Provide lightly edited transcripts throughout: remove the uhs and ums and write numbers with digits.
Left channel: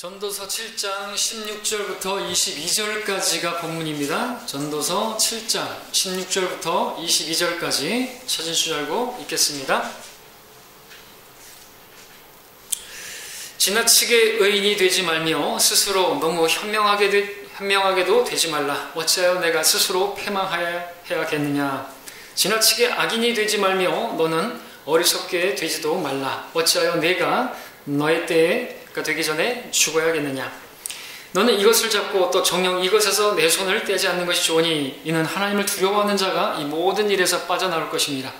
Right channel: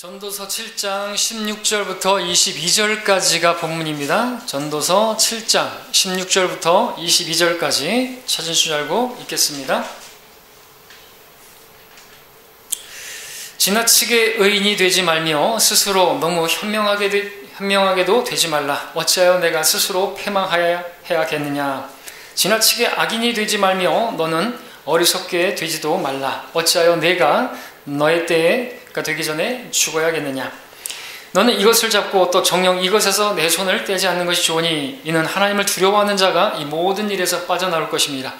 전도서 7장 16절부터 22절까지가 본문입니다. 전도서 7장 16절부터 22절까지 찾은 줄 알고 읽겠습니다. 지나치게 의인이 되지 말며 스스로 너무 현명하게도 되지 말라. 어찌하여 내가 스스로 패망하여야겠느냐. 지나치게 악인이 되지 말며 너는 어리석게 되지도 말라. 어찌하여 내가 너의 때가 되기 전에 죽어야겠느냐. 너는 이것을 잡고 또 정녕 이것에서 내 손을 떼지 않는 것이 좋으니 이는 하나님을 두려워하는 자가 이 모든 일에서 빠져나올 것입니다.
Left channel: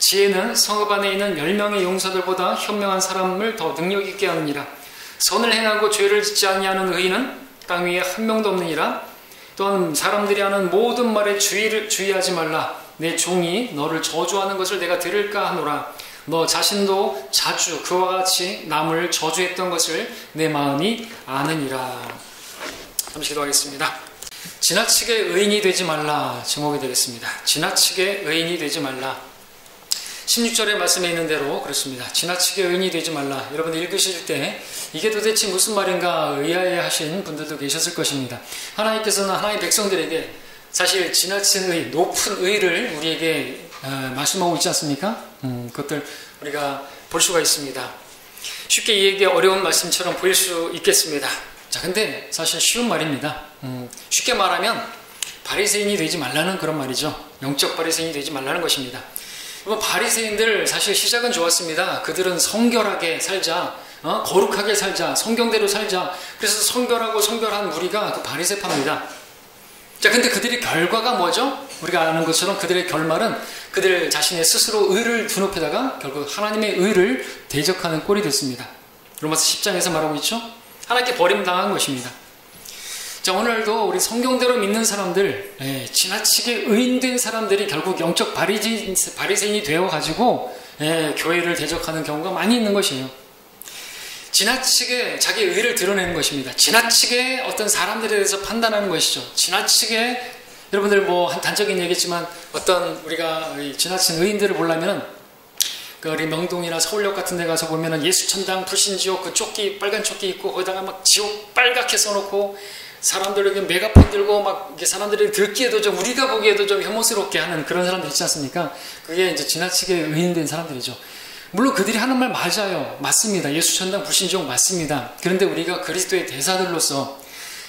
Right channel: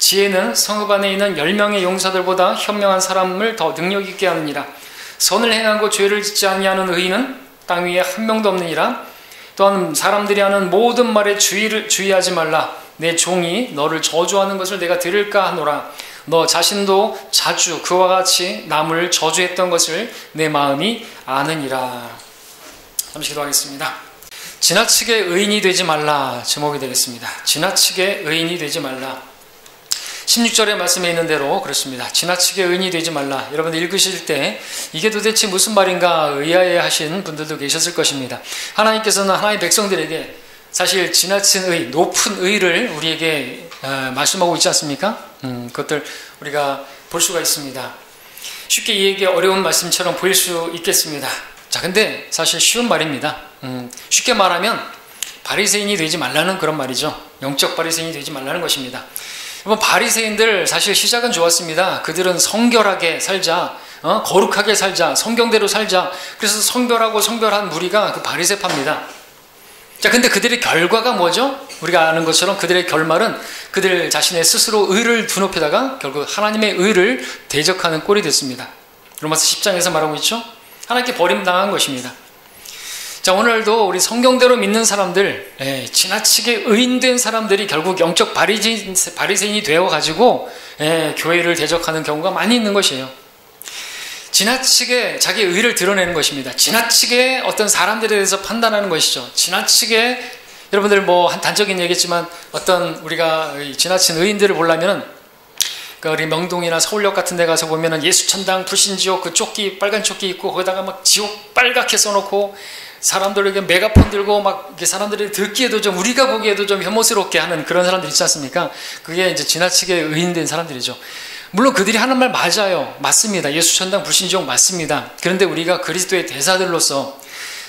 지혜는 성읍 안에 있는 10명의 용사들보다 현명한 사람을 더 능력 있게 하느니라. 선을 행하고 죄를 짓지 아니하는 의인은 땅 위에 한 명도 없느니라. 또한 사람들이 하는 모든 말에 주의하지 말라. 내 종이 너를 저주하는 것을 내가 들을까 하노라. 너 자신도 자주 그와 같이 남을 저주했던 것을 내 마음이 아느니라. 잠시 기도하겠습니다. 지나치게 의인이 되지 말라 제목이 되겠습니다. 지나치게 의인이 되지 말라. 16절의 말씀에 있는 대로 그렇습니다. 지나치게 의인이 되지 말라. 여러분들 읽으실 때 이게 도대체 무슨 말인가 의아해하신 분들도 계셨을 것입니다. 하나님께서는 하나님의 백성들에게 사실 지나친 의, 높은 의를 우리에게 말씀하고 있지 않습니까? 그것들 우리가 볼 수가 있습니다. 쉽게 이해하기 어려운 말씀처럼 보일 수 있겠습니다. 자, 근데 사실 쉬운 말입니다. 쉽게 말하면 바리새인이 되지 말라는 그런 말이죠. 영적 바리새인이 되지 말라는 것입니다. 여러분, 바리새인들 사실 시작은 좋았습니다. 그들은 성결하게 살자, 거룩하게 살자, 성경대로 살자. 그래서 성결하고 성결한 무리가 그 바리새파입니다. 자, 근데 그들의 결과가 뭐죠? 우리가 아는 것처럼 그들의 결말은 그들 자신의 스스로 의를 두 높이다가 결국 하나님의 의를 대적하는 꼴이 됐습니다. 로마서 10장에서 말하고 있죠? 하나님께 버림당한 것입니다. 자, 오늘도 우리 성경대로 믿는 사람들, 지나치게 의인된 사람들이 결국 영적 바리새인이 되어가지고 교회를 대적하는 경우가 많이 있는 것이에요. 지나치게 자기의 의를 드러내는 것입니다. 지나치게 어떤 사람들에 대해서 판단하는 것이죠. 지나치게 여러분들 한 단적인 얘기겠지만 어떤 우리가 지나친 의인들을 보려면은 우리 명동이나 서울역 같은 데 가서 보면은 예수천당 불신지옥 그 조끼 빨간 조끼 입고 거기다가 막 지옥 빨갛게 써놓고 사람들에게 메가폰 들고 막 사람들이 듣기에도 좀 우리가 보기에도 좀 혐오스럽게 하는 그런 사람들 있지 않습니까? 그게 이제 지나치게 의인된 사람들이죠. 물론 그들이 하는 말 맞아요. 맞습니다. 예수천당 불신지옥 맞습니다. 그런데 우리가 그리스도의 대사들로서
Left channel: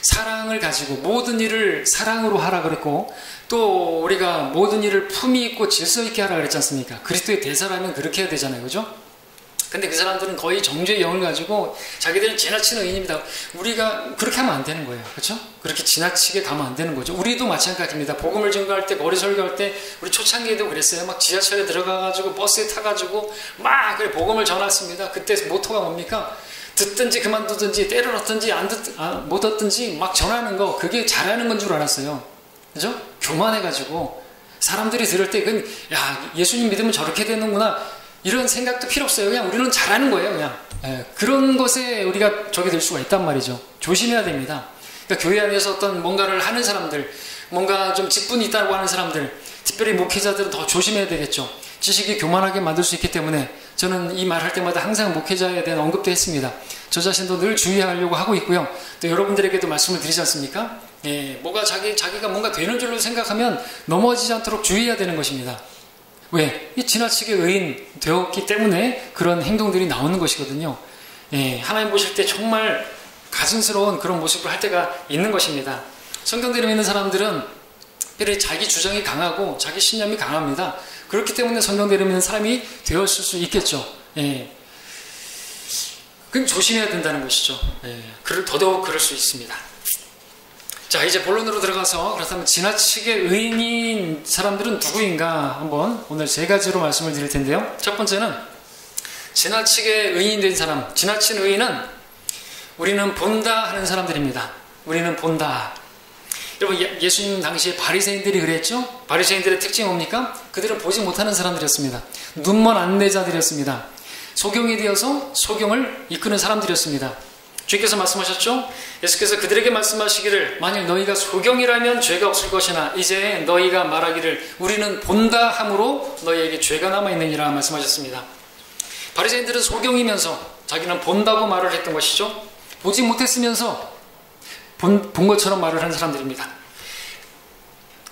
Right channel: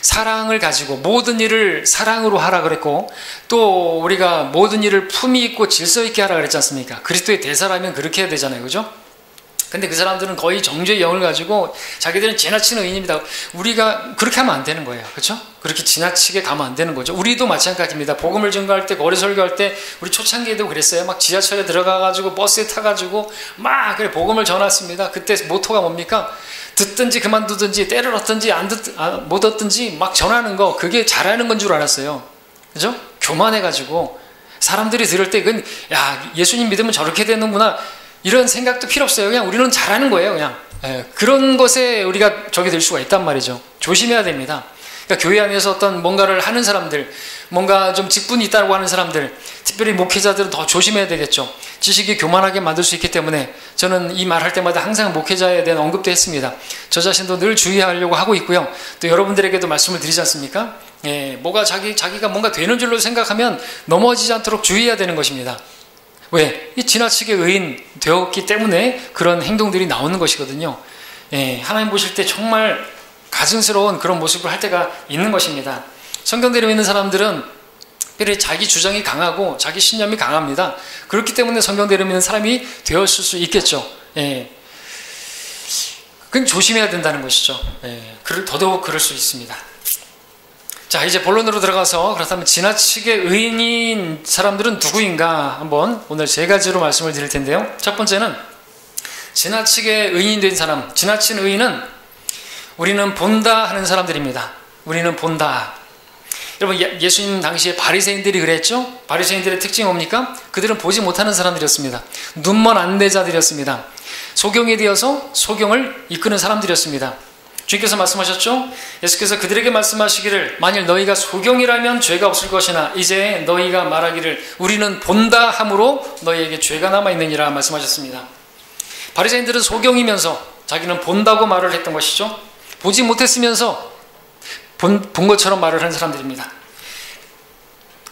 사랑을 가지고 모든 일을 사랑으로 하라 그랬고 또 우리가 모든 일을 품위 있고 질서 있게 하라 그랬지 않습니까? 그리스도의 대사라면 그렇게 해야 되잖아요. 그죠? 근데 그 사람들은 거의 정죄의 영을 가지고 자기들은 지나치는 의인입니다. 우리가 그렇게 하면 안 되는 거예요. 그렇죠? 그렇게 지나치게 가면 안 되는 거죠. 우리도 마찬가지입니다. 복음을 증거할 때, 거리 설교할 때 우리 초창기에도 그랬어요. 막 지하철에 들어가가지고 버스에 타가지고 막 그래 복음을 전했습니다. 그때 모토가 뭡니까? 듣든지 그만두든지 때를 얻든지 못 얻든지 막 전하는 거, 그게 잘하는 건 줄 알았어요. 그죠? 교만해가지고 사람들이 들을 때 그건 야, 예수님 믿으면 저렇게 되는구나 이런 생각도 필요 없어요. 그냥 우리는 잘하는 거예요. 그냥 그런 것에 우리가 적이 될 수가 있단 말이죠. 조심해야 됩니다. 그러니까 교회 안에서 어떤 뭔가를 하는 사람들, 뭔가 좀 직분이 있다고 하는 사람들, 특별히 목회자들은 더 조심해야 되겠죠. 지식이 교만하게 만들 수 있기 때문에 저는 이 말 할 때마다 항상 목회자에 대한 언급도 했습니다. 저 자신도 늘 주의하려고 하고 있고요. 또 여러분들에게도 말씀을 드리지 않습니까? 뭐가 자기가 뭔가 되는 줄로 생각하면 넘어지지 않도록 주의해야 되는 것입니다. 왜? 이 지나치게 의인 되었기 때문에 그런 행동들이 나오는 것이거든요. 하나님 보실 때 정말 가증스러운 그런 모습을 할 때가 있는 것입니다. 성경대로 믿는 사람들은 특별히 자기 주장이 강하고 자기 신념이 강합니다. 그렇기 때문에 성경대로 믿는 사람이 되었을 수 있겠죠. 그건 조심해야 된다는 것이죠. 더더욱 그럴 수 있습니다. 자, 이제 본론으로 들어가서 그렇다면 지나치게 의인인 사람들은 누구인가 한번 오늘 세 가지로 말씀을 드릴 텐데요. 첫 번째는 지나치게 의인이 된 사람, 지나친 의인은 우리는 본다 하는 사람들입니다. 우리는 본다. 여러분, 예수님 당시에 바리새인들이 그랬죠? 바리새인들의 특징이 뭡니까? 그들은 보지 못하는 사람들이었습니다. 눈먼 안대자들이었습니다. 소경에 되어서 소경을 이끄는 사람들이었습니다. 주께서 말씀하셨죠? 예수께서 그들에게 말씀하시기를 만일 너희가 소경이라면 죄가 없을 것이나 이제 너희가 말하기를 우리는 본다 함으로 너희에게 죄가 남아있느니라 말씀하셨습니다. 바리새인들은 소경이면서 자기는 본다고 말을 했던 것이죠. 보지 못했으면서 본 것처럼 말을 하는 사람들입니다.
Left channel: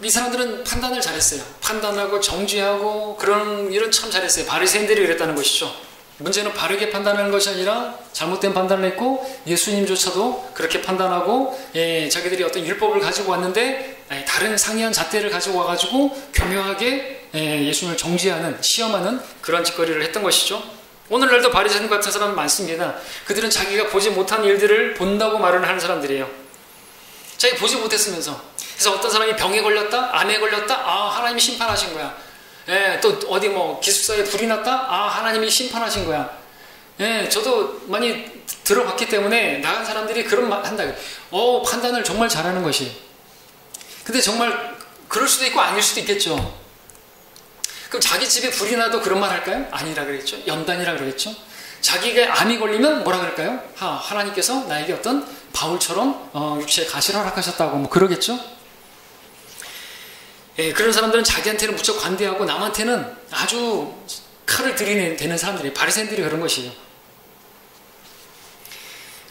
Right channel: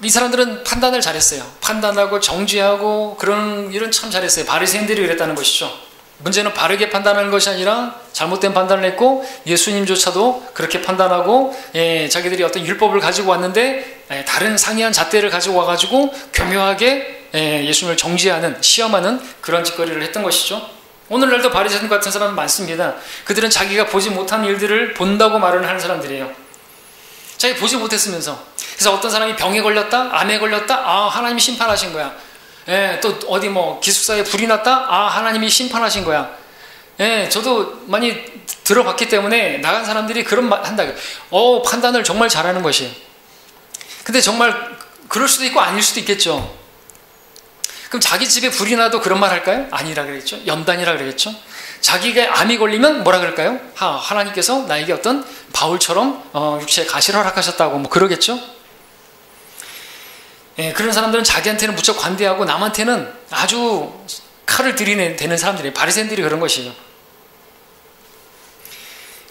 이 사람들은 판단을 잘했어요. 판단하고 정죄하고 그런 일은 참 잘했어요. 바리새인들이 그랬다는 것이죠. 문제는 바르게 판단하는 것이 아니라 잘못된 판단을 했고, 예수님조차도 그렇게 판단하고 자기들이 어떤 율법을 가지고 왔는데 다른 상이한 잣대를 가지고 와가지고 교묘하게 예수님을 정죄하는, 시험하는 그런 짓거리를 했던 것이죠. 오늘날도 바리새인 같은 사람은 많습니다. 그들은 자기가 보지 못한 일들을 본다고 말을 하는 사람들이에요. 자기 보지 못했으면서. 그래서 어떤 사람이 병에 걸렸다, 암에 걸렸다, 아, 하나님이 심판하신 거야. 또 어디 뭐 기숙사에 불이 났다, 아, 하나님이 심판하신 거야. 저도 많이 들어봤기 때문에 나간 사람들이 그런 말 한다. 판단을 정말 잘하는 것이. 근데 정말 그럴 수도 있고 아닐 수도 있겠죠. 그럼 자기 집에 불이 나도 그런 말 할까요? 아니라 그랬죠. 염단이라 그랬죠. 자기가 암이 걸리면 뭐라 그럴까요? 하나님께서 나에게 어떤 바울처럼 육체에 가시를 허락하셨다고 뭐 그러겠죠. 그런 사람들은 자기한테는 무척 관대하고 남한테는 아주 칼을 들이대는 사람들이에요. 바리새인들이 그런 것이에요.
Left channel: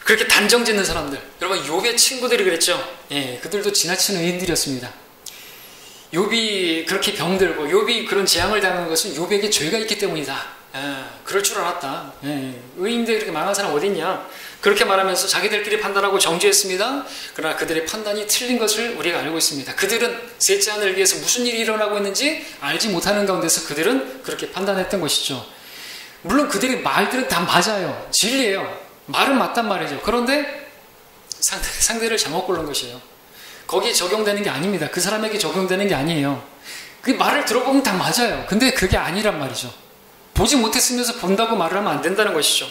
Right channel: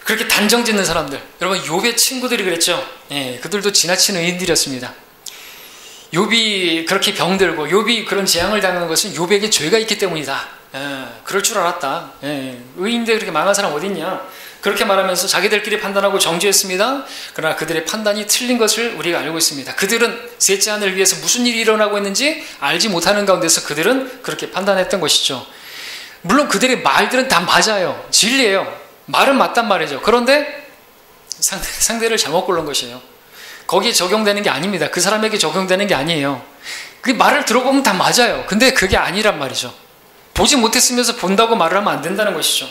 그렇게 단정 짓는 사람들. 여러분, 욥의 친구들이 그랬죠. 그들도 지나친 의인들이었습니다. 욥이 그렇게 병들고 욥이 그런 재앙을 당하는 것은 욥에게 죄가 있기 때문이다. 그럴 줄 알았다. 의인인데 그렇게 망한 사람 어디 있냐. 그렇게 말하면서 자기들끼리 판단하고 정죄했습니다. 그러나 그들의 판단이 틀린 것을 우리가 알고 있습니다. 그들은 셋째 하늘을 위해서 무슨 일이 일어나고 있는지 알지 못하는 가운데서 그들은 그렇게 판단했던 것이죠. 물론 그들의 말들은 다 맞아요. 진리예요. 말은 맞단 말이죠. 그런데 상대를 잘못 고른 것이에요. 거기에 적용되는 게 아닙니다. 그 사람에게 적용되는 게 아니에요. 그 말을 들어보면 다 맞아요. 근데 그게 아니란 말이죠. 보지 못했으면서 본다고 말을 하면 안 된다는 것이죠.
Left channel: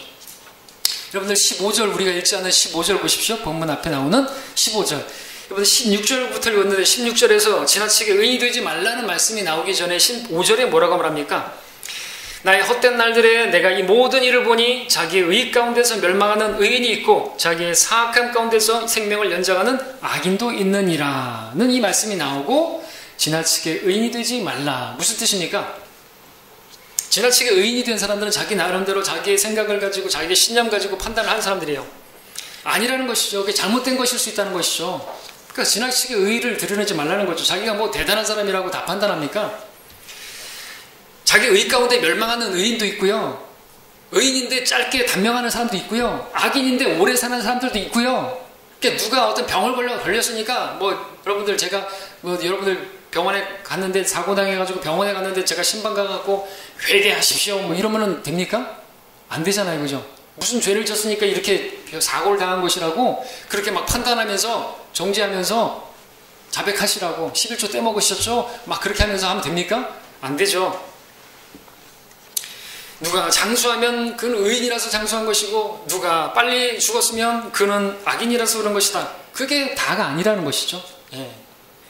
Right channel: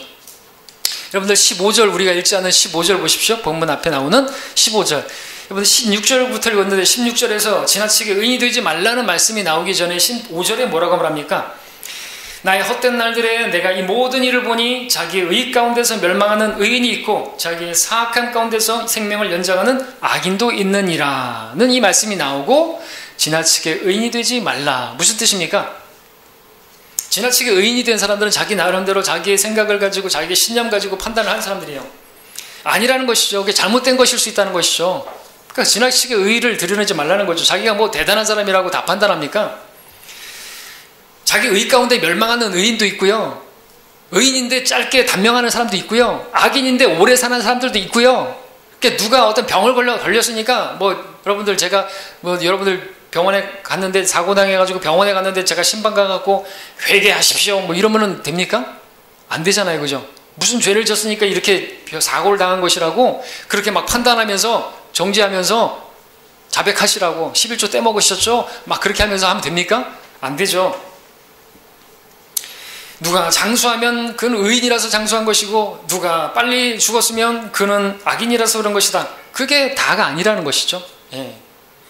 여러분들 15절, 우리가 읽지 않은 15절 보십시오. 본문 앞에 나오는 15절. 여러분들 16절부터 읽었는데 16절에서 지나치게 의인이 되지 말라는 말씀이 나오기 전에 15절에 뭐라고 말합니까? 나의 헛된 날들에 내가 이 모든 일을 보니 자기의 의 가운데서 멸망하는 의인이 있고 자기의 사악함 가운데서 생명을 연장하는 악인도 있느니라는 이 말씀이 나오고, 지나치게 의인이 되지 말라. 무슨 뜻입니까? 지나치게 의인이 된 사람들은 자기 나름대로 자기의 생각을 가지고 자기의 신념 가지고 판단을 하는 사람들이에요. 아니라는 것이죠. 그게 잘못된 것일 수 있다는 것이죠. 그러니까 지나치게 의의를 드러내지 말라는 거죠. 자기가 뭐 대단한 사람이라고 다 판단합니까? 자기 의 가운데 멸망하는 의인도 있고요. 의인인데 짧게 단명하는 사람도 있고요. 악인인데 오래 사는 사람들도 있고요. 그러니까 누가 어떤 병을 걸렸으니까 뭐 여러분들, 제가 뭐 여러분들 병원에 갔는데 사고 당해가지고 병원에 갔는데 제가 신방 가갖고 회개하십시오 뭐 이러면은 됩니까? 안 되잖아요. 그죠? 무슨 죄를 졌으니까 이렇게 사고를 당한 것이라고 그렇게 막 판단하면서 정죄하면서 자백하시라고 11조 떼먹으셨죠? 막 그렇게 하면서 하면 됩니까? 안 되죠. 누가 장수하면 그는 의인이라서 장수한 것이고, 누가 빨리 죽었으면 그는 악인이라서 그런 것이다. 그게 다가 아니라는 것이죠.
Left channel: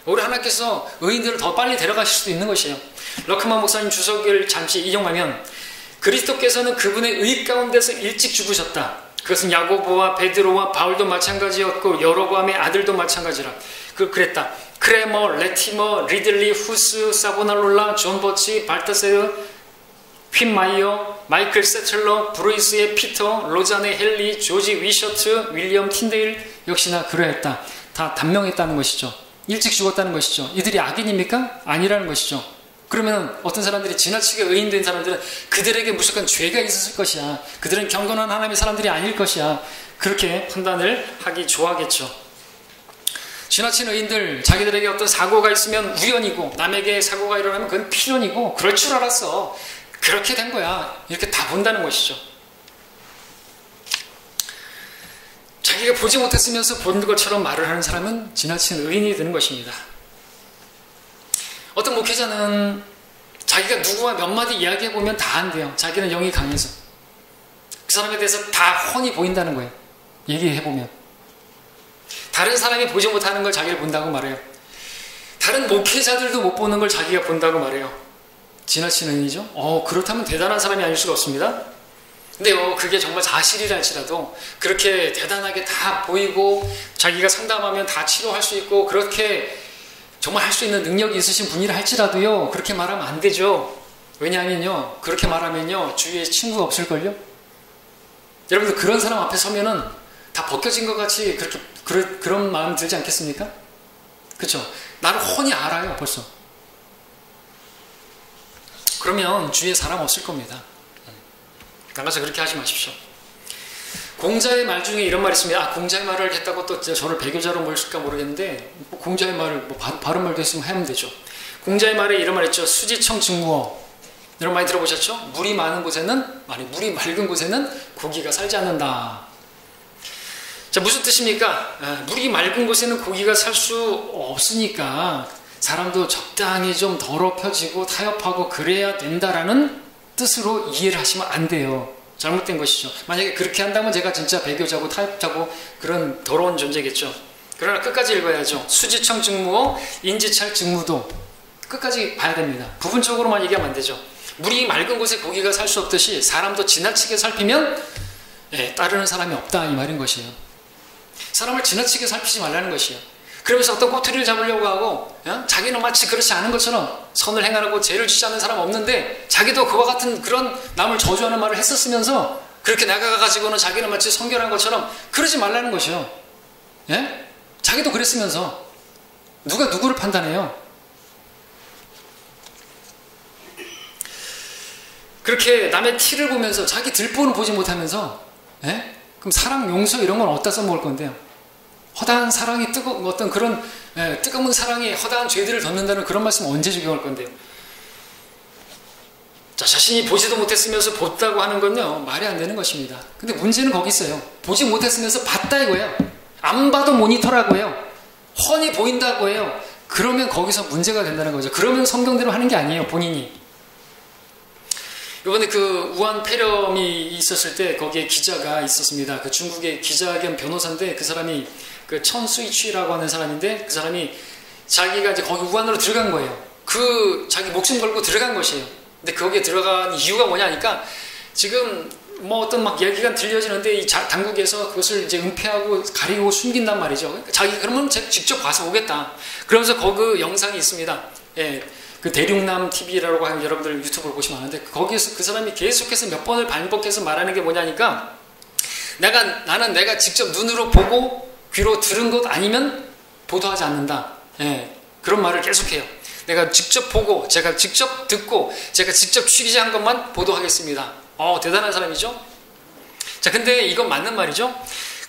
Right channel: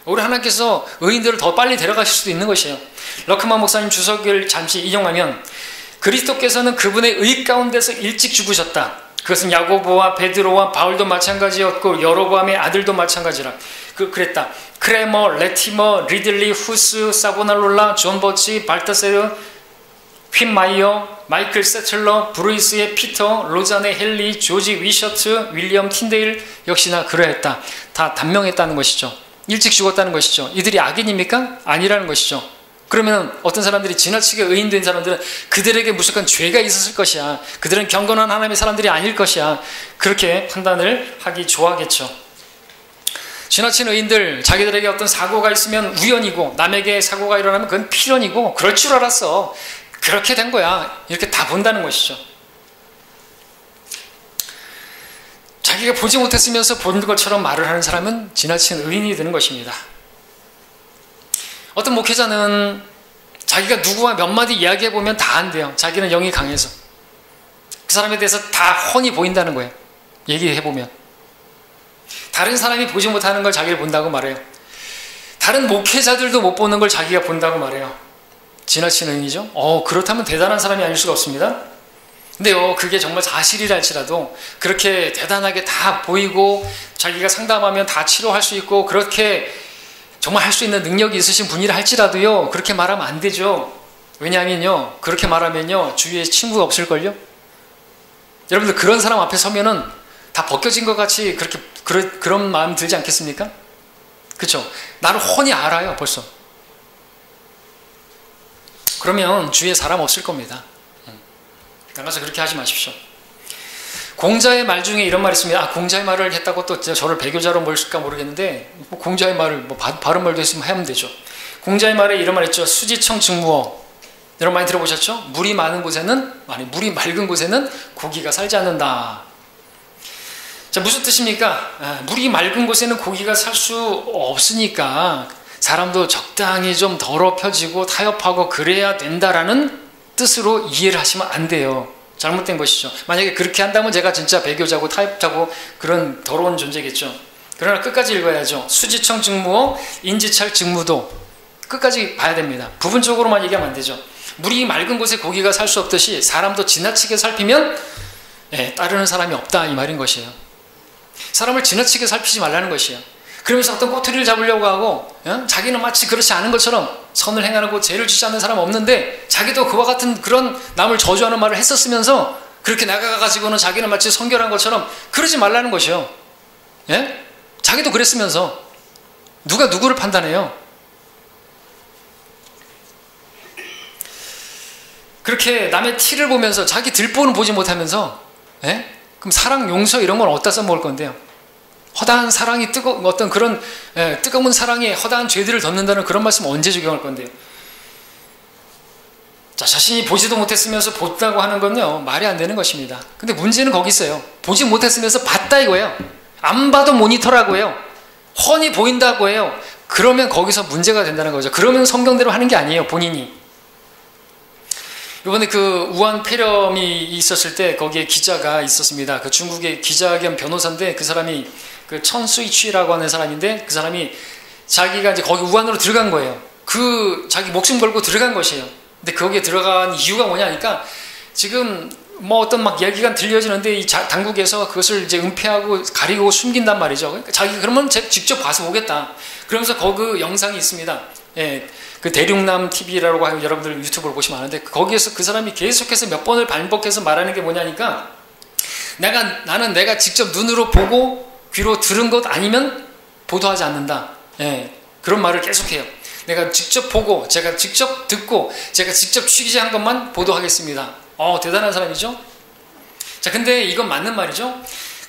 우리 하나님께서 의인들을 더 빨리 데려가실 수도 있는 것이에요. 러크만 목사님 주석을 잠시 인용하면, 그리스도께서는 그분의 의 가운데서 일찍 죽으셨다. 그것은 야고보와 베드로와 바울도 마찬가지였고 여로보암의 아들도 마찬가지라. 그랬다. 크레머, 레티머, 리들리, 후스, 사보날롤라, 존 버치, 발타세르, 핀마이어, 마이클 세틀러, 브루이스의 피터, 로잔의 헨리, 조지 위셔트, 윌리엄 틴데일 역시나 그러했다. 다 단명했다는 것이죠. 일찍 죽었다는 것이죠. 이들이 악인입니까? 아니라는 것이죠. 그러면 어떤 사람들이 지나치게 의인된 사람들은 그들에게 무조건 죄가 있었을 것이야. 그들은 경건한 하나님의 사람들이 아닐 것이야. 그렇게 판단을 하기 좋아하겠죠. 지나친 의인들, 자기들에게 어떤 사고가 있으면 우연이고 남에게 사고가 일어나면 그건 필연이고 그럴 줄 알았어. 그렇게 된 거야. 이렇게 다 본다는 것이죠. 자기가 보지 못했으면서 본 것처럼 말을 하는 사람은 지나친 의인이 되는 것입니다. 어떤 목회자는 자기가 누구와 몇 마디 이야기해보면 다 안 돼요. 자기는 영이 강해서. 그 사람에 대해서 다 훤히 보인다는 거예요. 얘기해보면. 다른 사람이 보지 못하는 걸 자기를 본다고 말해요. 다른 목회자들도 못 보는 걸 자기가 본다고 말해요. 지나친 의인이죠. 그렇다면 대단한 사람이 아닐 수가 없습니다. 근데요, 그게 정말 사실이라 할지라도 그렇게 대단하게 다 보이고 자기가 상담하면 다 치료할 수 있고 그렇게 정말 할 수 있는 능력이 있으신 분이라 할지라도요, 그렇게 말하면 안 되죠. 왜냐하면요, 그렇게 말하면요, 주위에 친구가 없을걸요? 여러분들 그런 사람 앞에 서면은 다 벗겨진 것 같이 그런 마음 들지 않겠습니까? 그렇죠? 나를 훤히 알아요, 벌써. 그러면 주위에 사람 없을 겁니다. 나가서 그렇게 하지 마십시오. 공자의 말 중에 이런 말이 있습니다. 공자의 말을 했다고 또 저를 배교자로 몰실까 모르겠는데, 공자의 말을 바른 말도 있으면 하면 되죠. 공자의 말에 이런 말 있죠. 수지청 증무어. 여러분 많이 들어보셨죠? 물이 많은 곳에는, 물이 맑은 곳에는 고기가 살지 않는다. 자, 무슨 뜻입니까? 물이 맑은 곳에는 고기가 살 수 없으니까 사람도 적당히 좀 더럽혀지고 타협하고 그래야 된다라는 뜻으로 이해를 하시면 안 돼요. 잘못된 것이죠. 만약에 그렇게 한다면 제가 진짜 배교자고 타협자고 그런 더러운 존재겠죠. 그러나 끝까지 읽어야죠. 수지청 직무어 인지찰 직무도 끝까지 봐야 됩니다. 부분적으로만 얘기하면 안 되죠. 물이 맑은 곳에 고기가 살 수 없듯이 사람도 지나치게 살피면 따르는 사람이 없다 이 말인 것이에요. 사람을 지나치게 살피지 말라는 것이에요. 그러면서 어떤 꼬투리를 잡으려고 하고 자기는 마치 그렇지 않은 것처럼 선을 행하고 죄를 짓지 않는 사람 없는데 자기도 그와 같은 그런 남을 저주하는 말을 했었으면서 그렇게 나가가지고는 자기는 마치 성결한 것처럼 그러지 말라는 것이요. 예? 자기도 그랬으면서 누가 누구를 판단해요? 그렇게 남의 티를 보면서 자기 들보는 보지 못하면서 그럼 사랑, 용서 이런 건 어디다 써먹을 건데요? 허다한 사랑이 어떤 그런 뜨거운 사랑이 허다한 죄들을 덮는다는 그런 말씀 언제 적용할 건데요? 자, 자신이 보지도 못했으면서 봤다고 하는 건요 말이 안 되는 것입니다. 근데 문제는 거기 있어요. 보지 못했으면서 봤다 이거예요. 안 봐도 모니터라고 해요. 훤히 보인다고 해요. 그러면 거기서 문제가 된다는 거죠. 그러면 성경대로 하는 게 아니에요, 본인이. 이번에 그 우한 폐렴이 있었을 때 거기에 기자가 있었습니다. 그 중국의 기자 겸 변호사인데 그 사람이 그 천수이취라고 하는 사람인데 그 사람이 자기가 이제 거기 우한으로 들어간 거예요. 자기 목숨 걸고 들어간 것이에요. 근데 거기에 들어간 이유가 뭐냐니까 지금 뭐 어떤 막 이야기가 들려지는데 이 당국에서 그것을 이제 은폐하고 가리고 숨긴단 말이죠. 그러니까 자기 그러면 제가 직접 봐서 보겠다. 그러면서 거기 영상이 있습니다. 그 대륙남 TV라고 하고 여러분들 유튜브로 보시면 아는데 거기에서 그 사람이 계속해서 몇 번을 반복해서 말하는 게 뭐냐니까 나는 내가 직접 눈으로 보고 귀로 들은 것 아니면 보도하지 않는다. 그런 말을 계속해요. 내가 직접 보고 제가 직접 듣고 제가 직접 취재한 것만 보도하겠습니다. 대단한 사람이죠. 자, 근데 이건 맞는 말이죠.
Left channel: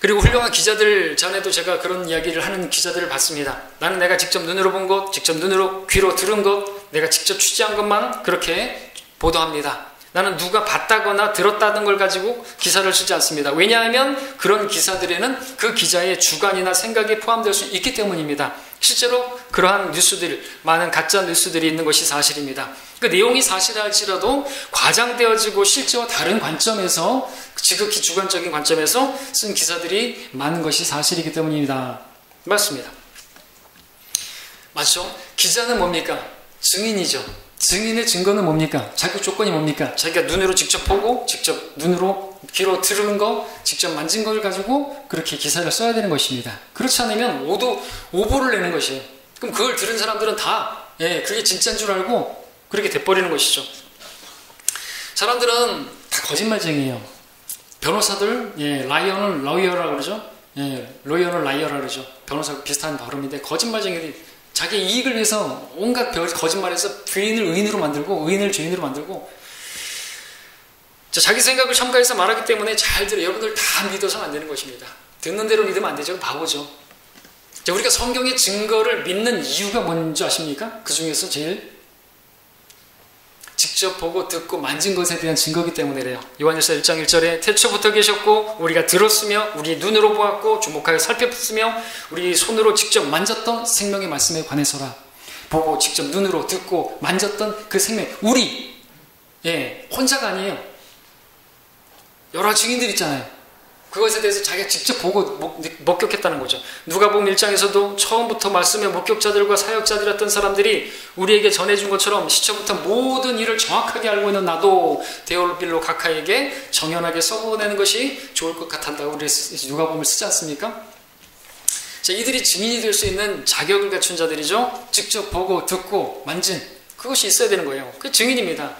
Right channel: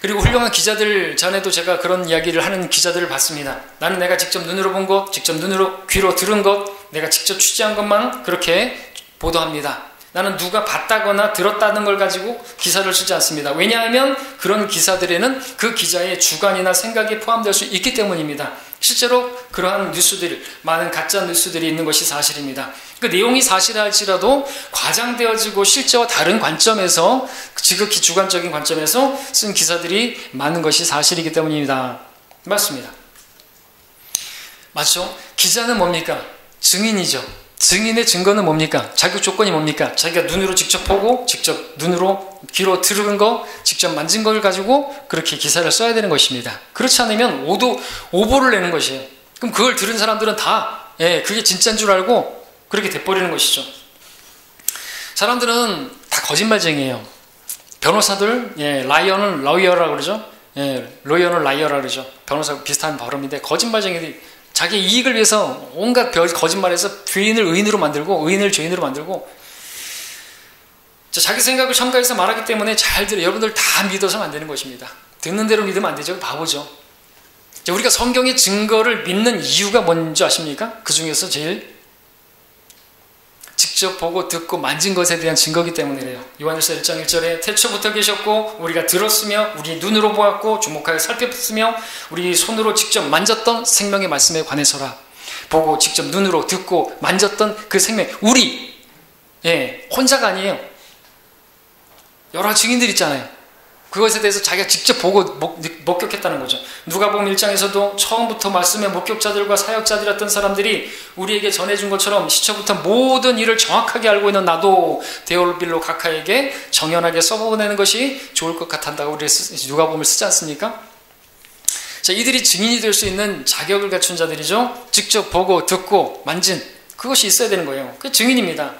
그리고 훌륭한 기자들, 전에도 제가 그런 이야기를 하는 기자들을 봤습니다. 나는 내가 직접 눈으로 본 것, 직접 눈으로 귀로 들은 것, 내가 직접 취재한 것만 그렇게 보도합니다. 나는 누가 봤다거나 들었다는 걸 가지고 기사를 쓰지 않습니다. 왜냐하면 그런 기사들에는 그 기자의 주관이나 생각이 포함될 수 있기 때문입니다. 실제로 그러한 뉴스들, 많은 가짜 뉴스들이 있는 것이 사실입니다. 그 내용이 사실할지라도 과장되어지고 실제와 다른 관점에서, 지극히 주관적인 관점에서 쓴 기사들이 많은 것이 사실이기 때문입니다. 맞습니다. 맞죠? 기자는 뭡니까? 증인이죠. 증인의 증거는 뭡니까? 자격 조건이 뭡니까? 자기가 눈으로 직접 보고 직접 눈으로 귀로 들은 거, 직접 만진 걸 가지고 그렇게 기사를 써야 되는 것입니다. 그렇지 않으면 오보를 내는 것이에요. 그럼 그걸 들은 사람들은 다 그게 진짜인 줄 알고 그렇게 돼버리는 것이죠. 사람들은 다 거짓말쟁이에요. 변호사들, 라이어는 러이어라고 그러죠. 로이어는 라이어라고 그러죠. 변호사하고 비슷한 발음인데 거짓말쟁이들이 자기 이익을 위해서 온갖 거짓말해서 죄인을 의인으로 만들고 의인을 죄인으로 만들고 자기 생각을 첨가해서 말하기 때문에 잘 들어요. 여러분들 다 믿어서는 안 되는 것입니다. 듣는 대로 믿으면 안 되죠. 바보죠. 우리가 성경의 증거를 믿는 이유가 뭔지 아십니까? 그 중에서 제일 직접 보고 듣고 만진 것에 대한 증거이기 때문이래요. 요한일서 1장 1절에 태초부터 계셨고 우리가 들었으며 우리 눈으로 보았고 주목하여 살폈으며 우리 손으로 직접 만졌던 생명의 말씀에 관해서라. 보고 직접 눈으로 듣고 만졌던 그 생명, 우리 혼자가 아니에요. 여러 증인들 있잖아요. 그것에 대해서 자기가 직접 보고 목격했다는 거죠. 누가복음 1장에서도 처음부터 말씀의 목격자들과 사역자들이었던 사람들이 우리에게 전해준 것처럼 시초부터 모든 일을 정확하게 알고 있는 나도 데올빌로 각하에게 정연하게 써보내는 것이 좋을 것 같단다고 우리 누가복음을 쓰지 않습니까? 자, 이들이 증인이 될 수 있는 자격을 갖춘 자들이죠. 직접 보고 듣고 만진 그것이 있어야 되는 거예요. 그게 증인입니다.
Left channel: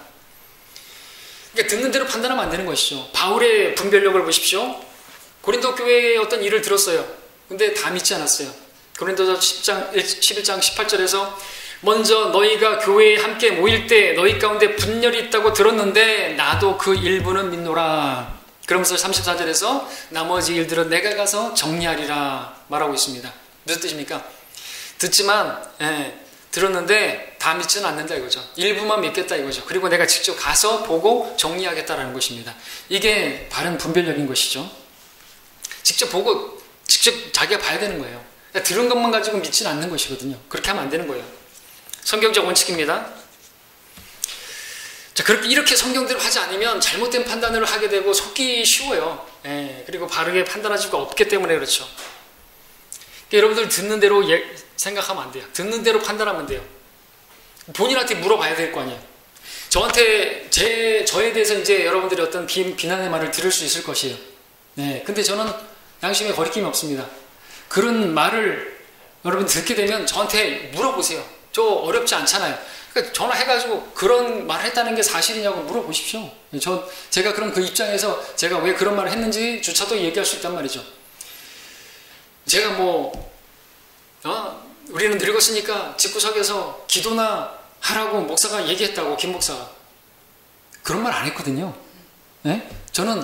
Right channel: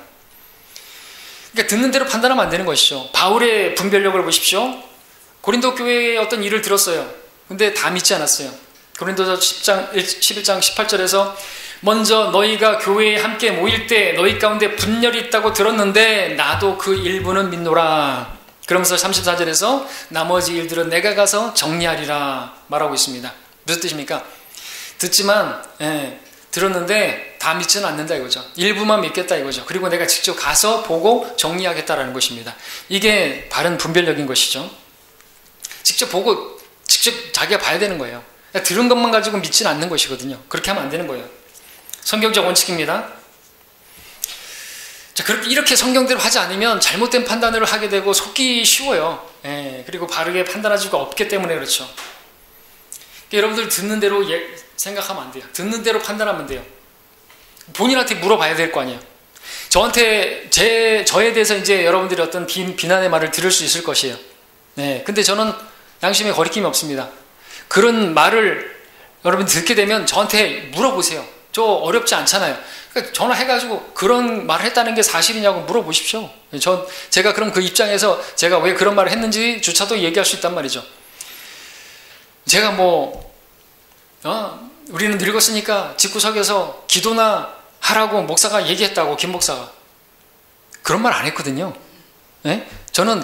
그러니까 듣는 대로 판단하면 안 되는 것이죠. 바울의 분별력을 보십시오. 고린도 교회의 어떤 일을 들었어요. 근데 다 믿지 않았어요. 고린도서 11장 18절에서 먼저 너희가 교회에 함께 모일 때 너희 가운데 분열이 있다고 들었는데 나도 그 일부는 믿노라. 그러면서 34절에서 나머지 일들은 내가 가서 정리하리라 말하고 있습니다. 무슨 뜻입니까? 듣지만 들었는데 다 믿지는 않는다 이거죠. 일부만 믿겠다 이거죠. 그리고 내가 직접 가서 보고 정리하겠다라는 것입니다. 이게 바른 분별력인 것이죠. 직접 보고 직접 자기가 봐야 되는 거예요. 들은 것만 가지고 믿지는 않는 것이거든요. 그렇게 하면 안 되는 거예요. 성경적 원칙입니다. 자, 이렇게 성경대로 하지 않으면 잘못된 판단을 하게 되고 속기 쉬워요. 그리고 바르게 판단할 수가 없기 때문에 그렇죠. 그러니까 여러분들 듣는 대로 생각하면 안 돼요. 듣는 대로 판단하면 돼요. 본인한테 물어봐야 될 거 아니에요. 저에 대해서 이제 여러분들이 어떤 비난의 말을 들을 수 있을 것이에요. 근데 저는 양심에 거리낌이 없습니다. 그런 말을 여러분 듣게 되면 저한테 물어보세요. 저 어렵지 않잖아요. 그러니까 전화해가지고 그런 말을 했다는 게 사실이냐고 물어보십시오. 제가 그럼 그 입장에서 제가 왜 그런 말을 했는지 주차도 얘기할 수 있단 말이죠. 제가 우리는 늙었으니까 집구석에서 기도나 하라고 목사가 얘기했다고, 김 목사가. 그런 말 안 했거든요. 저는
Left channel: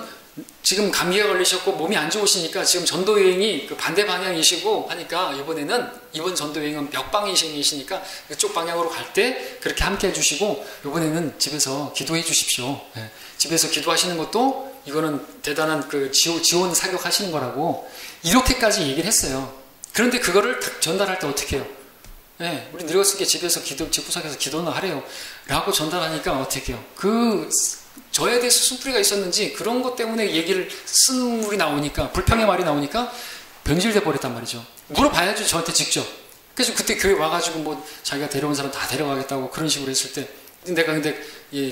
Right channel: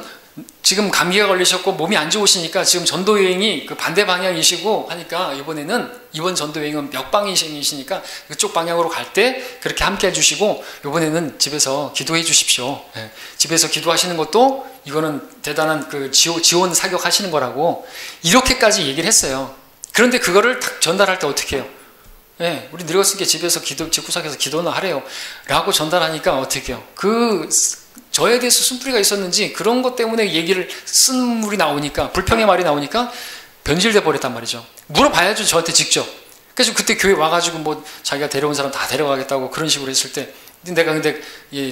지금 감기가 걸리셨고 몸이 안 좋으시니까 지금 전도 여행이 그 반대 방향이시고 하니까 이번 전도 여행은 역방향이시니까 그쪽 방향으로 갈 때 그렇게 함께 해주시고 이번에는 집에서 기도해 주십시오. 집에서 기도하시는 것도 이거는 대단한 그 지원 사격하시는 거라고 이렇게까지 얘기를 했어요. 그런데 그거를 딱 전달할 때 어떻게 해요? 우리 늙었으니까 집에서 집구석에서 기도나 하래요 라고 전달하니까 어떻게 해요? 저에 대해서 쓴뿌리가 있었는지 그런 것 때문에 쓴물이 나오니까 불평의 말이 나오니까 변질돼 버렸단 말이죠. 물어봐야죠, 저한테 직접. 그래서 그때 교회 와가지고 자기가 데려온 사람 다 데려가겠다고 그런 식으로 했을 때 내가 근데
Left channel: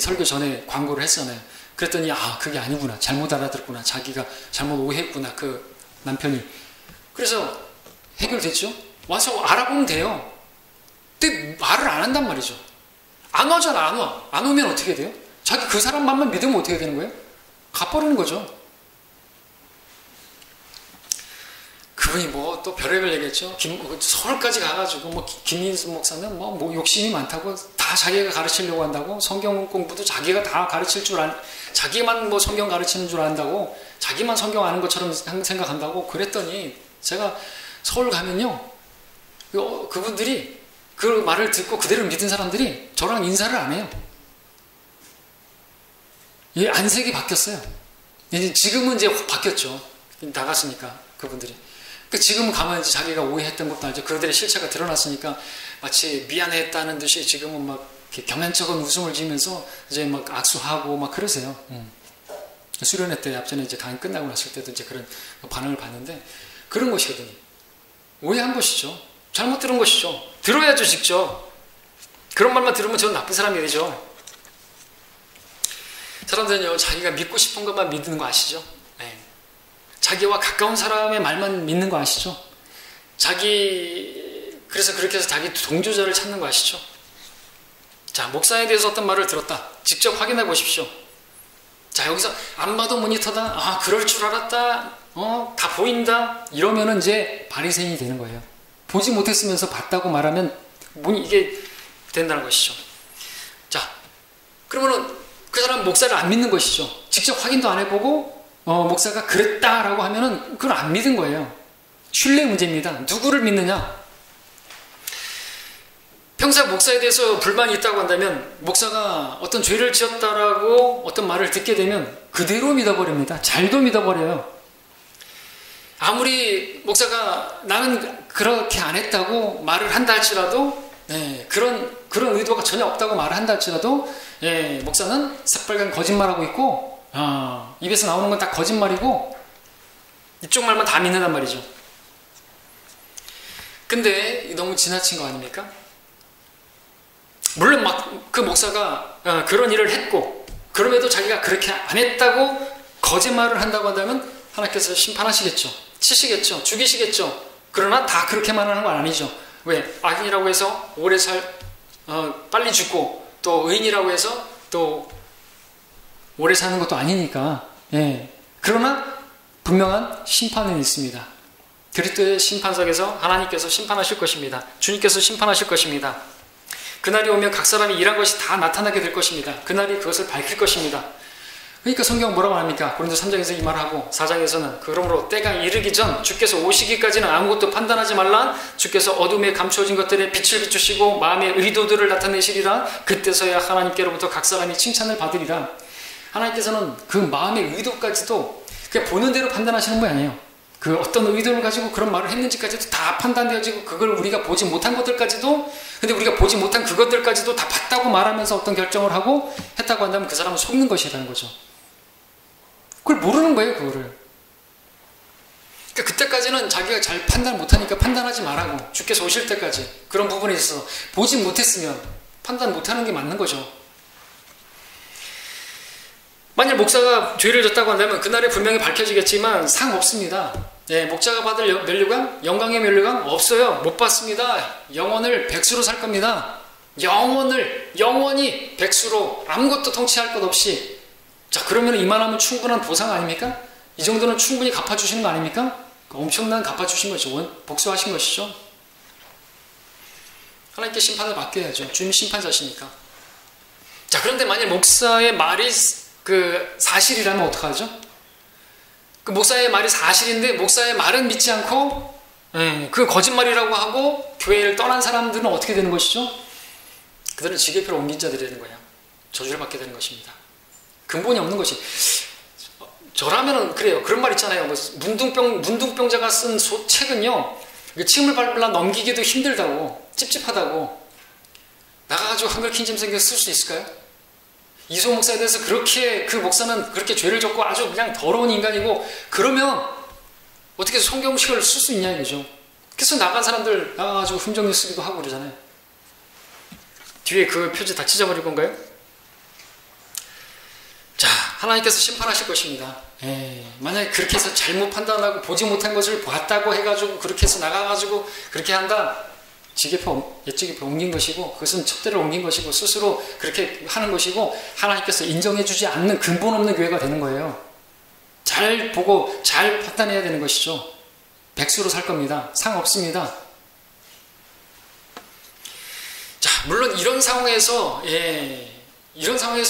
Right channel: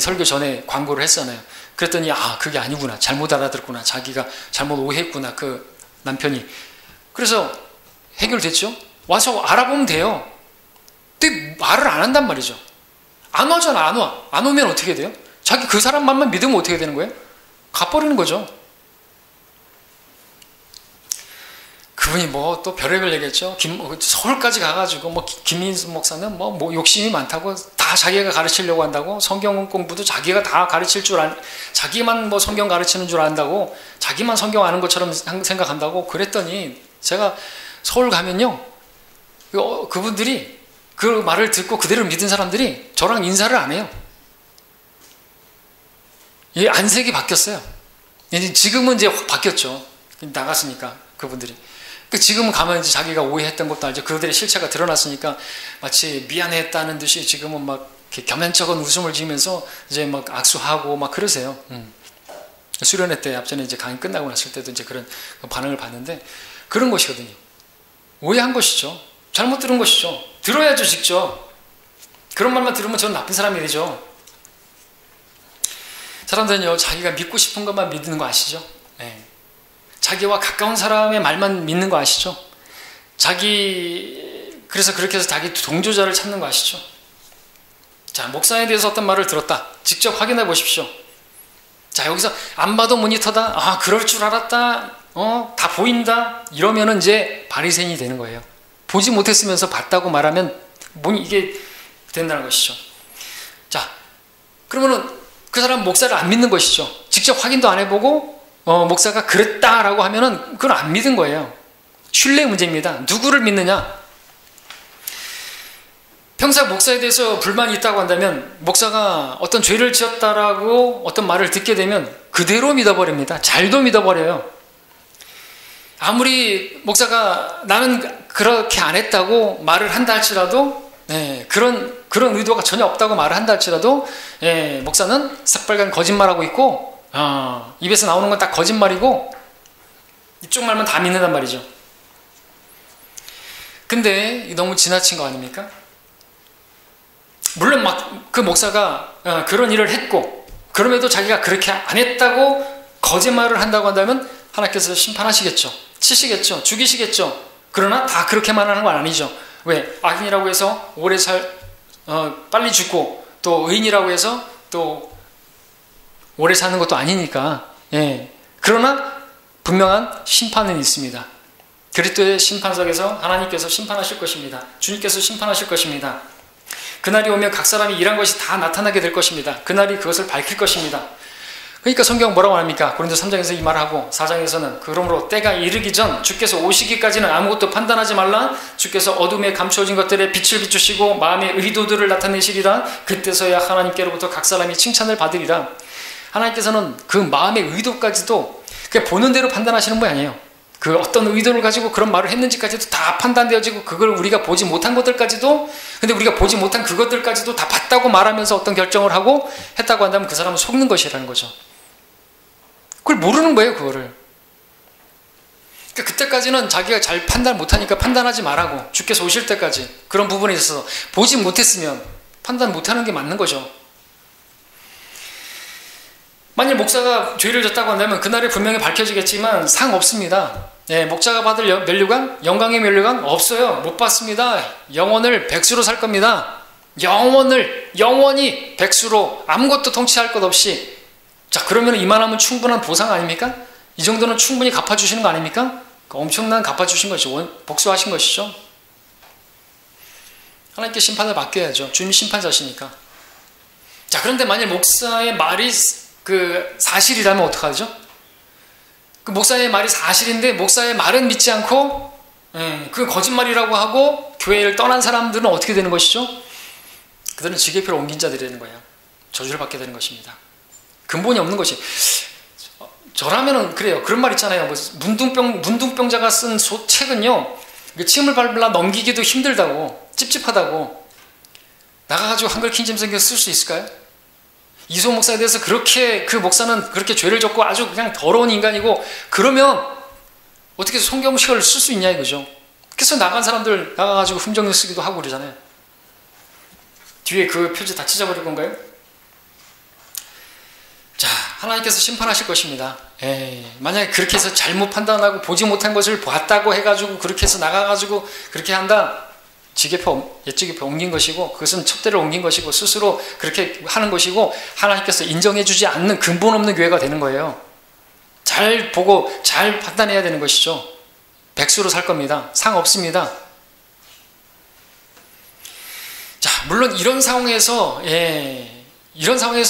설교 전에 광고를 했잖아요. 그랬더니 그게 아니구나, 잘못 알아들었구나, 자기가 잘못 오해했구나, 그 남편이. 그래서 해결됐죠. 와서 알아보면 돼요. 근데 말을 안 한단 말이죠. 안 와잖아. 안 오면 어떻게 돼요? 자기 그 사람 말만 믿으면 어떻게 되는 거예요? 가버리는 거죠. 그분이 또 별의별 얘기했죠. 서울까지 가가지고 김민수 목사는 욕심이 많다고, 다 자기가 가르치려고 한다고, 성경 공부도 자기가 다 가르칠 자기만 성경 가르치는 줄 안다고, 자기만 성경 아는 것처럼 생각한다고 그랬더니 제가 서울 가면요, 그분들이 그 말을 듣고 그대로 믿은 사람들이 저랑 인사를 안 해요. 안색이 바뀌었어요. 지금은 이제 확 바뀌었죠. 나갔으니까 그분들이. 지금은 가면 이제 자기가 오해했던 것도 알죠. 그들의 실체가 드러났으니까 마치 미안했다는 듯이 지금은 이렇게 겸연쩍은 웃음을 지으면서 이제 악수하고 그러세요. 수련회 때 앞전에 이제 강의 끝나고 났을 때도 이제 그런 반응을 봤는데 그런 것이거든요. 오해한 것이죠. 잘못 들은 것이죠. 들어야죠, 직접. 그런 말만 들으면 저는 나쁜 사람이 되죠. 사람들은요, 자기가 믿고 싶은 것만 믿는 거 아시죠? 자기와 가까운 사람의 말만 믿는 거 아시죠? 그래서 그렇게 해서 자기 동조자를 찾는 거 아시죠? 자, 목사에 대해서 어떤 말을 들었다. 직접 확인해 보십시오. 자, 여기서 안 봐도 모니터다. 그럴 줄 알았다. 다 보인다. 이러면은 이제 바리새인이 되는 거예요. 보지 못했으면서 봤다고 말하면 이게 된다는 것이죠. 자, 그러면은 그 사람 목사를 안 믿는 것이죠. 직접 확인도 안 해보고 목사가 그랬다라고 하면은 그걸 안 믿은 거예요. 신뢰의 문제입니다. 누구를 믿느냐? 평소 목사에 대해서 불만이 있다고 한다면 목사가 어떤 죄를 지었다라고 어떤 말을 듣게 되면 그대로 믿어버립니다. 잘도 믿어버려요. 아무리 목사가 나는 그렇게 안 했다고 말을 한다 할지라도 그런 의도가 전혀 없다고 말을 한다 할지라도 목사는 새빨간 거짓말하고 있고 입에서 나오는 건 다 거짓말이고 이쪽 말만 다 믿는단 말이죠. 근데 너무 지나친 거 아닙니까? 물론 그 목사가 그런 일을 했고 그럼에도 자기가 그렇게 안 했다고 거짓말을 한다고 한다면 하나님께서 심판하시겠죠. 치시겠죠. 죽이시겠죠. 그러나 다 그렇게만 하는 건 아니죠. 왜? 악인이라고 해서 오래 빨리 죽고 또 의인이라고 해서 또 오래 사는 것도 아니니까. 그러나 분명한 심판은 있습니다. 그리스도의 심판석에서 하나님께서 심판하실 것입니다. 주님께서 심판하실 것입니다. 그날이 오면 각 사람이 일한 것이 다 나타나게 될 것입니다. 그날이 그것을 밝힐 것입니다. 그러니까 성경은 뭐라고 합니까? 고린도 3장에서 이 말을 하고 4장에서는 그러므로 때가 이르기 전 주께서 오시기까지는 아무것도 판단하지 말라. 주께서 어둠에 감추어진 것들에 빛을 비추시고 마음의 의도들을 나타내시리라. 그때서야 하나님께로부터 각 사람이 칭찬을 받으리라. 하나님께서는 그 마음의 의도까지도 그냥 보는 대로 판단하시는 분이 아니에요. 그 어떤 의도를 가지고 그런 말을 했는지까지도 다 판단되어지고 그걸 우리가 보지 못한 것들까지도, 근데 우리가 보지 못한 그것들까지도 다 봤다고 말하면서 어떤 결정을 하고 했다고 한다면 그 사람은 속는 것이라는 거죠. 그걸 모르는 거예요, 그거를. 그러니까 그때까지는 자기가 잘 판단 못하니까 판단하지 말라고, 주께서 오실 때까지 그런 부분에 있어서 보지 못했으면 판단 못하는 게 맞는 거죠. 만일 목사가 죄를 졌다고 한다면 그날에 분명히 밝혀지겠지만 상없습니다. 예, 목자가 받을 면류관, 영광의 면류관 없어요. 못 받습니다. 영원을 백수로 살 겁니다. 영원히 백수로 아무것도 통치할 것 없이. 자, 그러면 이만하면 충분한 보상 아닙니까? 이 정도는 충분히 갚아주시는 거 아닙니까? 엄청난 갚아주신 것이죠. 복수하신 것이죠. 하나님께 심판을 맡겨야죠. 주님이 심판자시니까. 자, 그런데 만일 목사의 말이 그 사실이라면 어떡하죠? 그 목사의 말이 사실인데 목사의 말은 믿지 않고 그 거짓말이라고 하고 교회를 떠난 사람들은 어떻게 되는 것이죠? 그들은 지게표를 옮긴 자들이 되는 거예요. 저주를 받게 되는 것입니다. 근본이 없는 것이. 저라면은 그래요. 그런 말 있잖아요. 문둥병자가 쓴 책은요, 침을 밟으려 넘기기도 힘들다고, 찝찝하다고. 나가가지고 한글 킹잼 성경 쓸 수 있을까요? 이소 목사에 대해서 그렇게, 그 목사는 그렇게 죄를 졌고 아주 그냥 더러운 인간이고, 그러면 어떻게 성경식을 쓸 수 있냐 이거죠. 그래서 나간 사람들 나가가지고 흠정을 쓰기도 하고 그러잖아요. 뒤에 그 표지 다 찢어버릴 건가요? 자, 하나님께서 심판하실 것입니다. 만약에 그렇게 해서 잘못 판단하고 보지 못한 것을 봤다고 해가지고 그렇게 해서 나가가지고 그렇게 한다, 옛지게표 옮긴 것이고, 그것은 첩대를 옮긴 것이고, 스스로 그렇게 하는 것이고, 하나님께서 인정해주지 않는 근본 없는 교회가 되는 거예요. 잘 보고 잘 판단해야 되는 것이죠. 백수로 살 겁니다. 상 없습니다. 자, 물론 이런 상황에서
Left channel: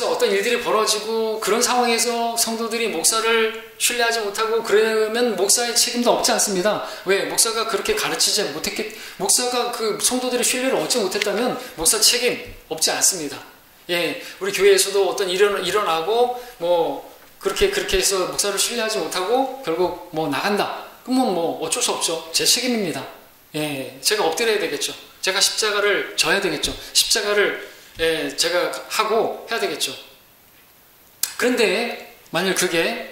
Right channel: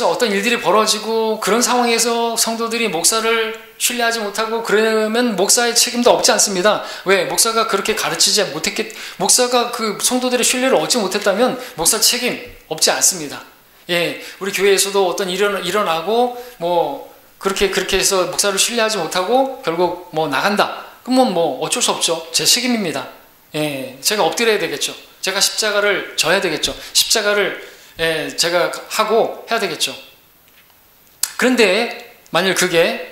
어떤 일들이 벌어지고, 그런 상황에서 성도들이 목사를 신뢰하지 못하고 그러면 목사의 책임도 없지 않습니다. 왜? 목사가 그렇게 가르치지 목사가 그 성도들의 신뢰를 얻지 못했다면 목사 책임 없지 않습니다. 우리 교회에서도 어떤 일어나고 그렇게 해서 목사를 신뢰하지 못하고 결국 나간다. 그러면 어쩔 수 없죠. 제 책임입니다. 제가 엎드려야 되겠죠. 제가 십자가를 져야 되겠죠. 십자가를 제가 하고 해야 되겠죠. 그런데 만일 그게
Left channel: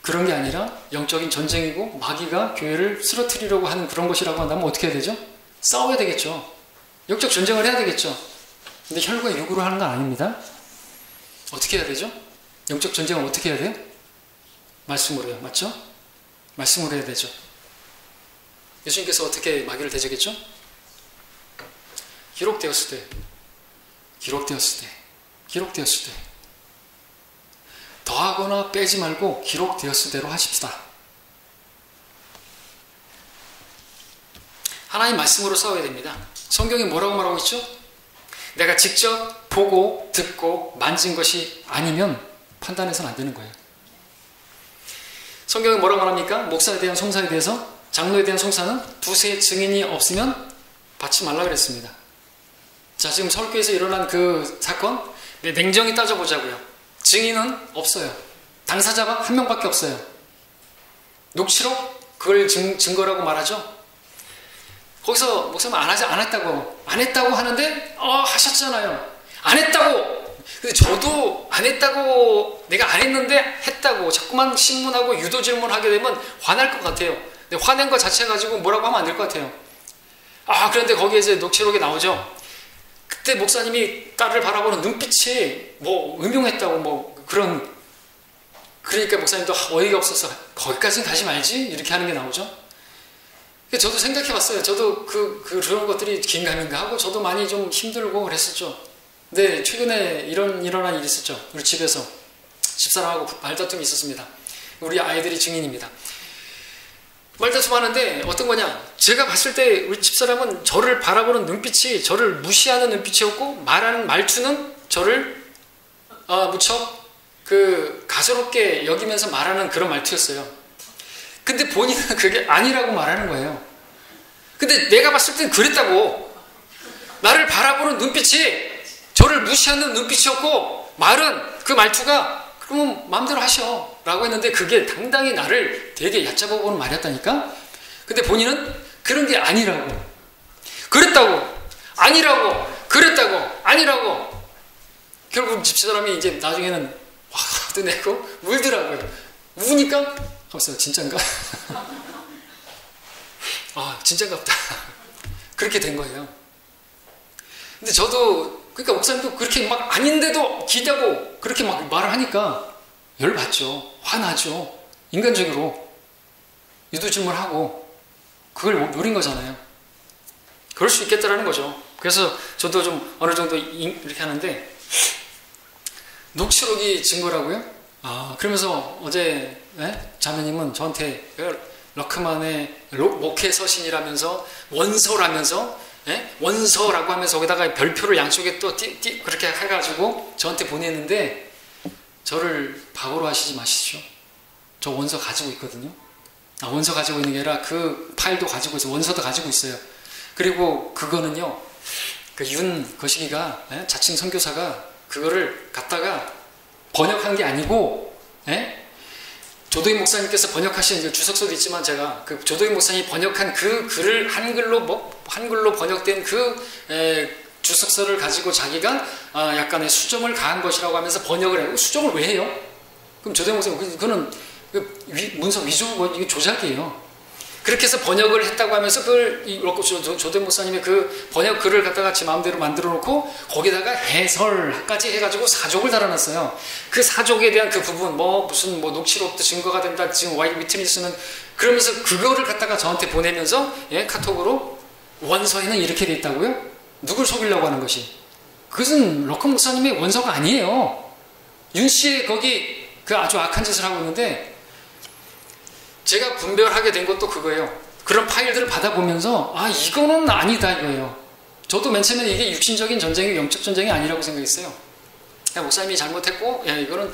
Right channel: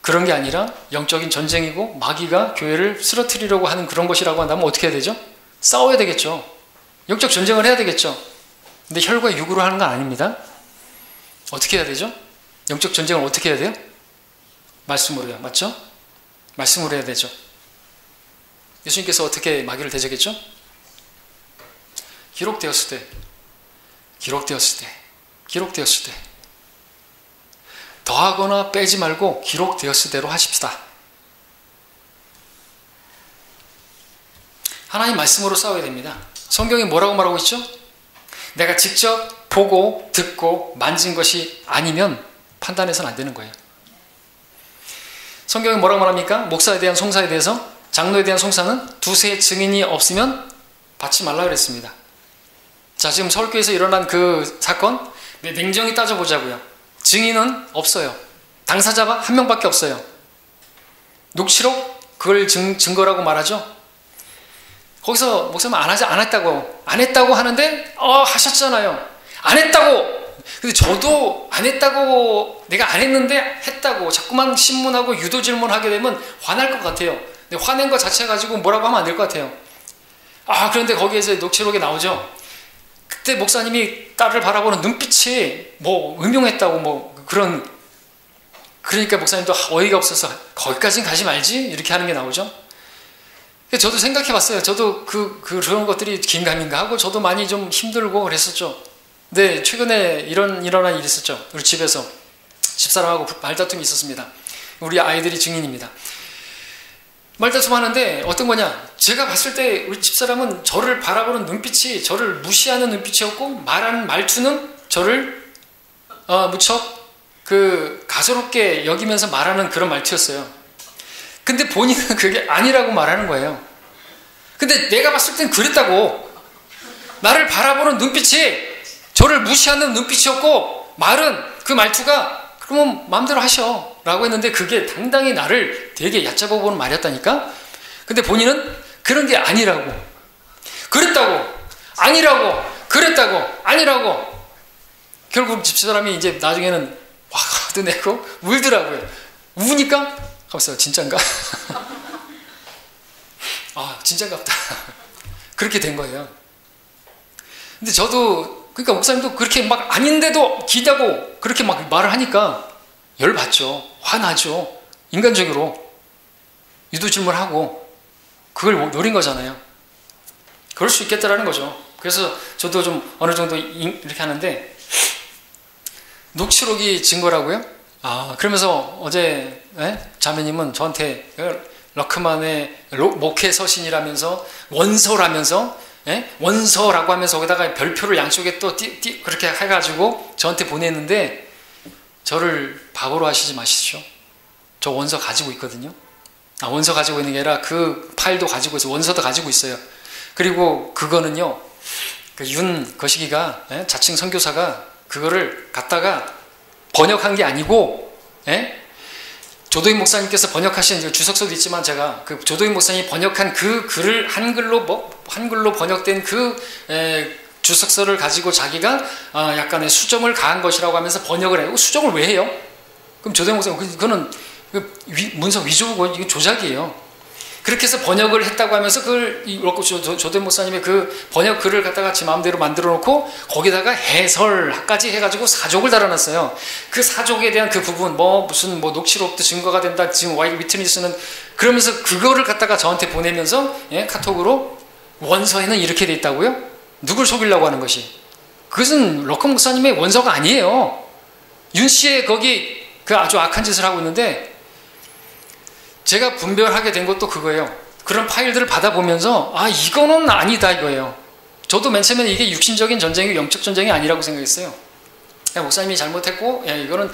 그런 게 아니라 영적인 전쟁이고 마귀가 교회를 쓰러뜨리려고 하는 그런 것이라고 한다면 어떻게 해야 되죠? 싸워야 되겠죠. 영적 전쟁을 해야 되겠죠. 근데 혈과 육으로 하는 건 아닙니다. 어떻게 해야 되죠? 영적 전쟁을 어떻게 해야 돼요? 말씀으로요. 맞죠? 말씀으로 해야 되죠. 예수님께서 어떻게 마귀를 대적했죠? 기록되었을 때 더하거나 빼지 말고 기록되었을 대로 하십시다. 하나님 말씀으로 싸워야 됩니다. 성경이 뭐라고 말하고 있죠? 내가 직접 보고 듣고 만진 것이 아니면 판단해서는 안 되는 거예요. 성경이 뭐라고 말합니까? 목사에 대한 송사에 대해서, 장로에 대한 송사는 두세 증인이 없으면 받지 말라 그랬습니다. 자, 지금 서울교회에서 일어난 그 사건 냉정히 따져보자고요. 증인은 없어요. 당사자가 한 명밖에 없어요. 녹취록 그걸 증거라고 말하죠. 거기서 목사님 안 했다고 하는데 하셨잖아요. 안 했다고. 근데 저도 안 했다고, 내가 안 했는데 했다고 자꾸만 신문하고 유도 질문하게 되면 화날 것 같아요. 근데 화낸 것 자체 가지고 뭐라고 하면 안 될 것 같아요. 그런데 거기에서 녹취록에 나오죠. 그때 목사님이 딸을 바라보는 눈빛이 음흉했다고 그러니까 목사님도 어이가 없어서 거기까지는 가지 말지 이렇게 하는 게 나오죠. 저도 생각해 봤어요. 저도 그런 것들이 긴가민가 하고 저도 많이 좀 힘들고 그랬었죠. 근데 최근에 일어난 일이 있었죠. 우리 집에서 집사람하고 말다툼이 있었습니다. 우리 아이들이 증인입니다. 말다툼하는데 어떤 거냐? 제가 봤을 때 우리 집사람은 저를 바라보는 눈빛이 저를 무시하는 눈빛이었고 말하는 말투는 저를 무척 가소롭게 여기면서 말하는 그런 말투였어요. 근데 본인은 그게 아니라고 말하는 거예요. 근데 내가 봤을 땐 그랬다고. 나를 바라보는 눈빛이 저를 무시하는 눈빛이었고 말은 그 말투가 그러면 마음대로 하셔 라고 했는데 그게 당당히 나를 되게 얕잡아 보는 말이었다니까. 근데 본인은 그런 게 아니라고, 그랬다고, 아니라고, 그랬다고, 아니라고. 결국 집사람이 이제 나중에는 화도 내고 울더라고요. 우니까 가봤어요. 진짠가? 아, 진짠갑다. 그렇게 된 거예요. 근데 저도, 그러니까 목사님도 그렇게 막 아닌데도 기다고 그렇게 막 말을 하니까 열받죠. 화나죠. 인간적으로. 유도질문하고 그걸 노린 거잖아요. 그럴 수 있겠다라는 거죠. 그래서 저도 좀 어느 정도 이렇게 하는데, 녹취록이 증거라고요? 그러면서 어제 자매님은 저한테 러크만의 목회 서신이라면서 원서라면서 원서라고 하면서 거기다가 별표를 양쪽에 또 그렇게 해가지고 저한테 보냈는데, 저를 바보로 하시지 마시죠. 저 원서 가지고 있거든요. 원서 가지고 있는 게 아니라 그 파일도 가지고 있어요. 원서도 가지고 있어요. 그리고 그거는요, 윤 거시기가 자칭 선교사가 그거를 갖다가 번역한 게 아니고, 조도인 목사님께서 번역하신 주석서도 있지만 제가 그 조도인 목사님이 번역한 그 글을 한글로 번역된 주석서를 가지고 자기가 약간의 수정을 가한 것이라고 하면서 번역을 해요. 수정을 왜 해요? 그럼 조도인 목사님, 그거는 문서 위조고 이게 조작이에요. 그렇게 해서 번역을 했다고 하면서 그걸 조도인 목사님의 그 번역 글을 갖다가 지 마음대로 만들어 놓고 거기다가 해설까지 해가지고 사족을 달아놨어요. 그 사족에 대한 그 부분, 무슨 녹취록도 증거가 된다, 지금 위트니스는, 그러면서 그거를 갖다가 저한테 보내면서 카톡으로 원서에는 이렇게 돼 있다고요? 누굴 속이려고 하는 것이? 그것은 러커 목사님의 원서가 아니에요. 윤 씨의 거기 그 아주 악한 짓을 하고 있는데, 제가 분별하게 된 것도 그거예요. 그런 파일들을 받아보면서 이거는 아니다 이거예요. 저도 맨 처음에 이게 육신적인 전쟁이 영적 전쟁이 아니라고 생각했어요. 목사님이 잘못했고 이거는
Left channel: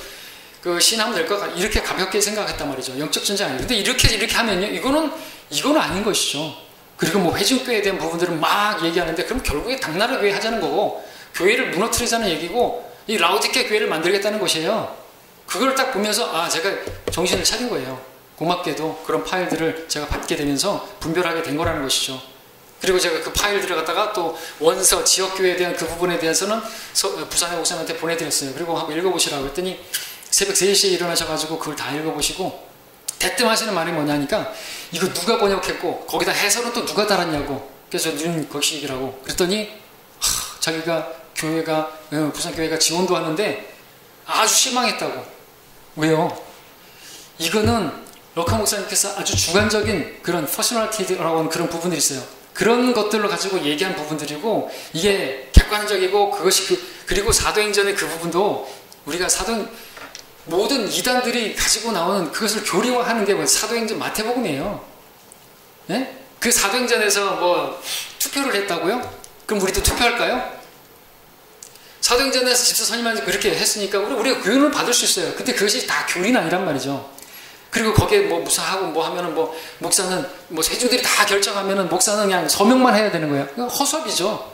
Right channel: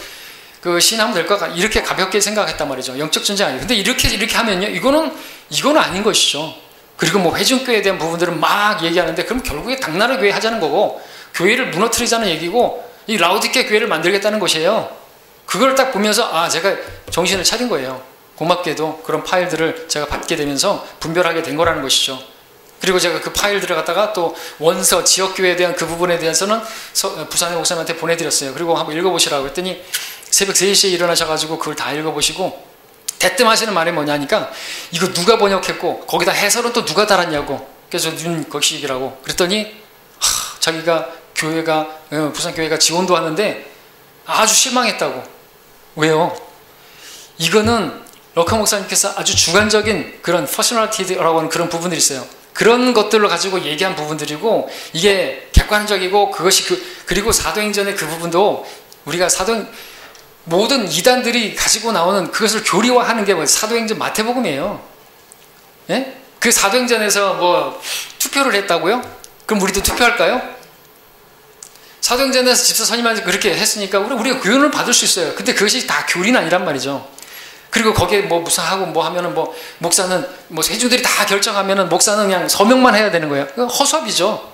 신하면 될 것 같아, 이렇게 가볍게 생각했단 말이죠. 영적 전쟁 아니에요. 근데 이렇게 하면요, 이거는 아닌 것이죠. 그리고 회중교회에 대한 부분들은 막 얘기하는데, 그럼 결국에 당나라 교회 하자는 거고 교회를 무너뜨리자는 얘기고 이 라오디케 교회를 만들겠다는 것이에요. 그걸 딱 보면서 제가 정신을 차린 거예요. 고맙게도 그런 파일들을 제가 받게 되면서 분별하게 된 거라는 것이죠. 그리고 제가 그 파일들을 갖다가 또 원서, 지역교회에 대한 그 부분에 대해서는 부산의 목사님한테 보내드렸어요. 그리고 한번 읽어보시라고 했더니 새벽 3시에 일어나셔가지고 그걸 다 읽어보시고 대뜸 하시는 말이 뭐냐니까, 이거 누가 번역했고 거기다 해설은 또 누가 달았냐고. 그래서 윤 거시기라고 그랬더니 자기가 부산교회가 지원도 하는데 아주 실망했다고. 왜요? 이거는 러커 목사님께서 아주 주관적인 그런 퍼스널리티라고 하는 그런 부분들이 있어요. 그런 것들을 가지고 얘기한 부분들이고, 이게 객관적이고, 그것이 그리고 사도행전의 그 부분도 우리가 모든 이단들이 가지고 나오는 그것을 교리화하는 게 사도행전 마태복음이에요. 그 사도행전에서 투표를 했다고요? 그럼 우리도 투표할까요? 사도행전에서 집사 선임한테 그렇게 했으니까 우리가 구원을 받을 수 있어요. 근데 그것이 다 교리는 아니란 말이죠. 그리고 거기에 무슨 하고 하면은 목사는 회중들이 다 결정하면은 목사는 그냥 서명만 해야 되는 거예요. 그건 허수아비죠.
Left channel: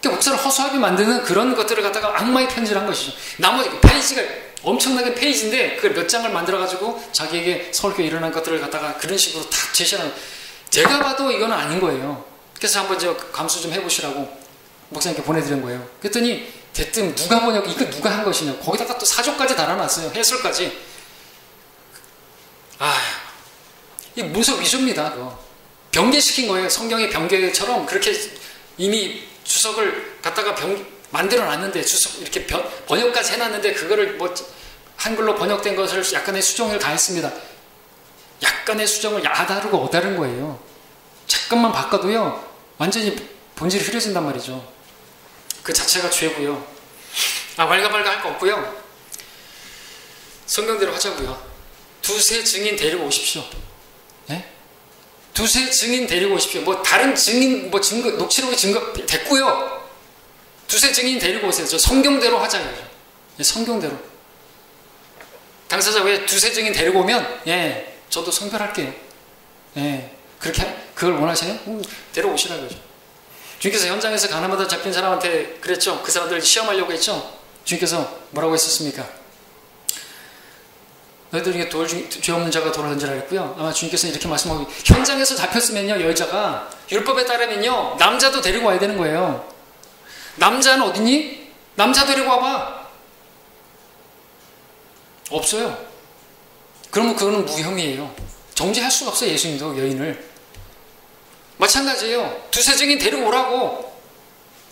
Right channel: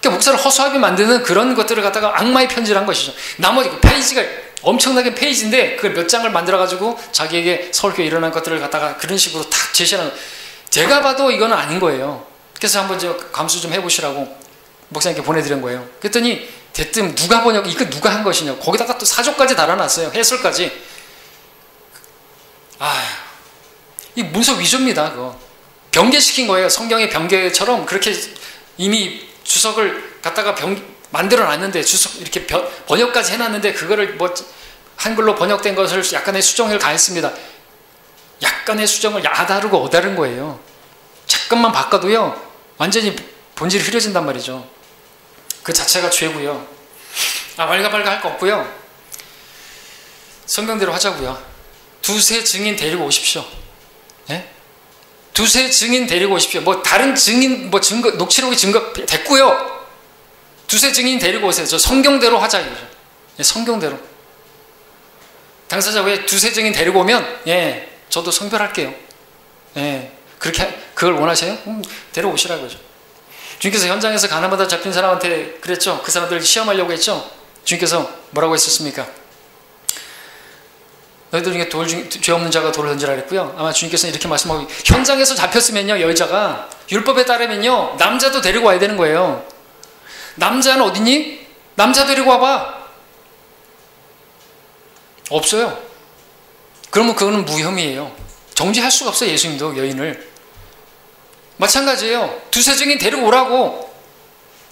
그러니까 목사를 허수아비 만드는 그런 것들을 갖다가 악마의 편지를 한 것이죠. 나머지 페이지가 엄청나게 페이지인데 그걸 몇 장을 만들어가지고 자기에게 서울교회 일어난 것들을 갖다가 그런 식으로 탁 제시하는, 제가 봐도 이거는 아닌 거예요. 그래서 한번 감수 좀 해보시라고 목사님께 보내드린 거예요. 그랬더니 대뜸 이거 누가 한 것이냐고. 거기다가 또 사조까지 달아놨어요. 해설까지. 이 문서 위조입니다. 그거 변개시킨 거예요. 성경의 변개처럼 그렇게 이미 주석을 갖다가 만들어 놨는데, 주석 이렇게 번역까지 해놨는데, 그거를 한글로 번역된 것을 약간의 수정을 가했습니다. 약간의 수정을 야다르고 어다른 거예요. 잠깐만 바꿔도요 완전히 본질이 흐려진단 말이죠. 그 자체가 죄고요. 왈가왈가 할 거 없고요. 성경대로 하자고요. 두세 증인 데리고 오십시오. 예? 두세 증인 데리고 오십시오. 뭐 다른 증인 뭐 증거 녹취록이 증거 됐고요. 두세 증인 데리고 오세요. 저 성경대로 하자 이거죠. 예, 성경대로. 당사자 왜 두세 증인 데리고 오면 예, 저도 성별할게요. 예, 그렇게 그걸 원하세요? 데려오시라 그러죠. 주님께서 현장에서 가나마다 잡힌 사람한테 그랬죠. 그 사람들 시험하려고 했죠. 주님께서 뭐라고 했었습니까? 너희들 중에 죄 없는 자가 돌을 던지라 그랬고요. 아마 주님께서는 이렇게 말씀하고, 현장에서 잡혔으면요, 여자가 율법에 따르면요 남자도 데리고 와야 되는 거예요. 남자는 어디니? 남자 데리고 와봐. 없어요. 그러면 그거는 무혐의예요. 정죄할 수가 없어요. 예수님도 여인을. 마찬가지예요. 두세 증인 데리고 오라고.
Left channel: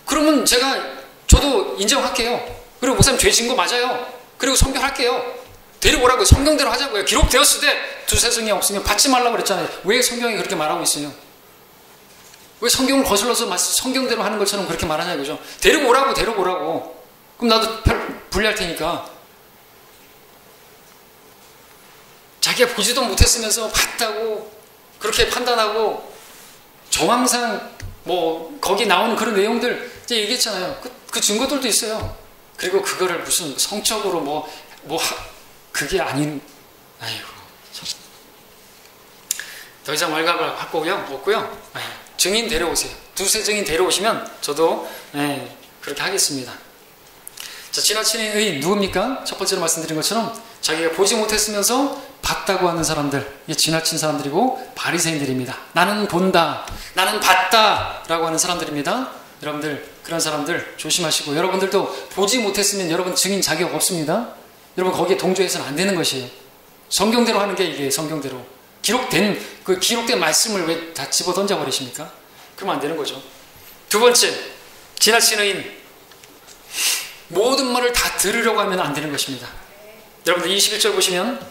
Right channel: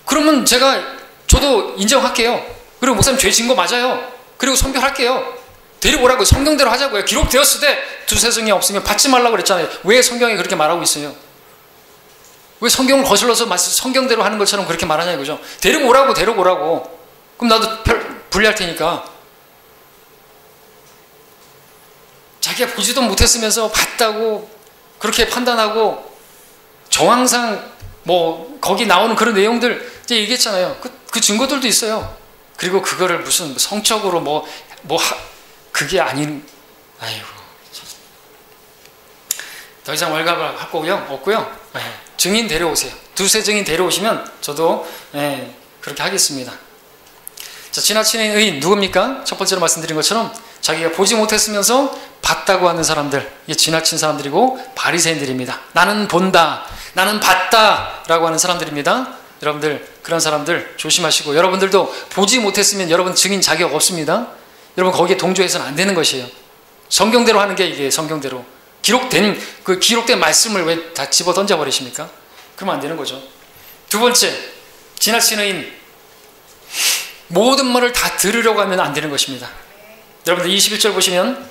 그러면 저도 인정할게요. 그리고 목사님 죄 진 거 맞아요. 그리고 선별할게요. 데리고 오라고. 성경대로 하자고요. 기록되었을 때 두세 증인 없으면 받지 말라고 그랬잖아요. 왜 성경에 그렇게 말하고 있어요? 왜 성경을 거슬러서 성경대로 하는 것처럼 그렇게 말하냐 이거죠. 데리고 오라고, 데리고 오라고. 그럼 나도 분리할 테니까. 자기가 보지도 못했으면서 봤다고 그렇게 판단하고, 정황상 뭐 거기 나오는 그런 내용들 이제 얘기했잖아요. 그 증거들도 있어요. 그리고 그거를 무슨 성적으로 그게 아닌, 아이고, 더 이상 월갑을 할 거고요, 없고요. 네, 증인 데려오세요. 두세 증인 데려오시면 저도 그렇게 하겠습니다. 자, 지나치는 의인 누굽니까? 첫 번째로 말씀드린 것처럼 자기가 보지 못했으면서 봤다고 하는 사람들, 이게 지나친 사람들이고 바리새인들입니다. 나는 본다, 나는 봤다 라고 하는 사람들입니다. 여러분들 그런 사람들 조심하시고, 여러분들도 보지 못했으면 여러분 증인 자격 없습니다. 여러분 거기에 동조해서는 안 되는 것이에요. 성경대로 하는 게 이게 성경대로 기록된 말씀을 왜 다 집어 던져 버리십니까? 그러면 안 되는 거죠. 두 번째, 지나치는 의인, 모든 말을 다 들으려고 하면 안 되는 것입니다. 여러분들 21절 보시면,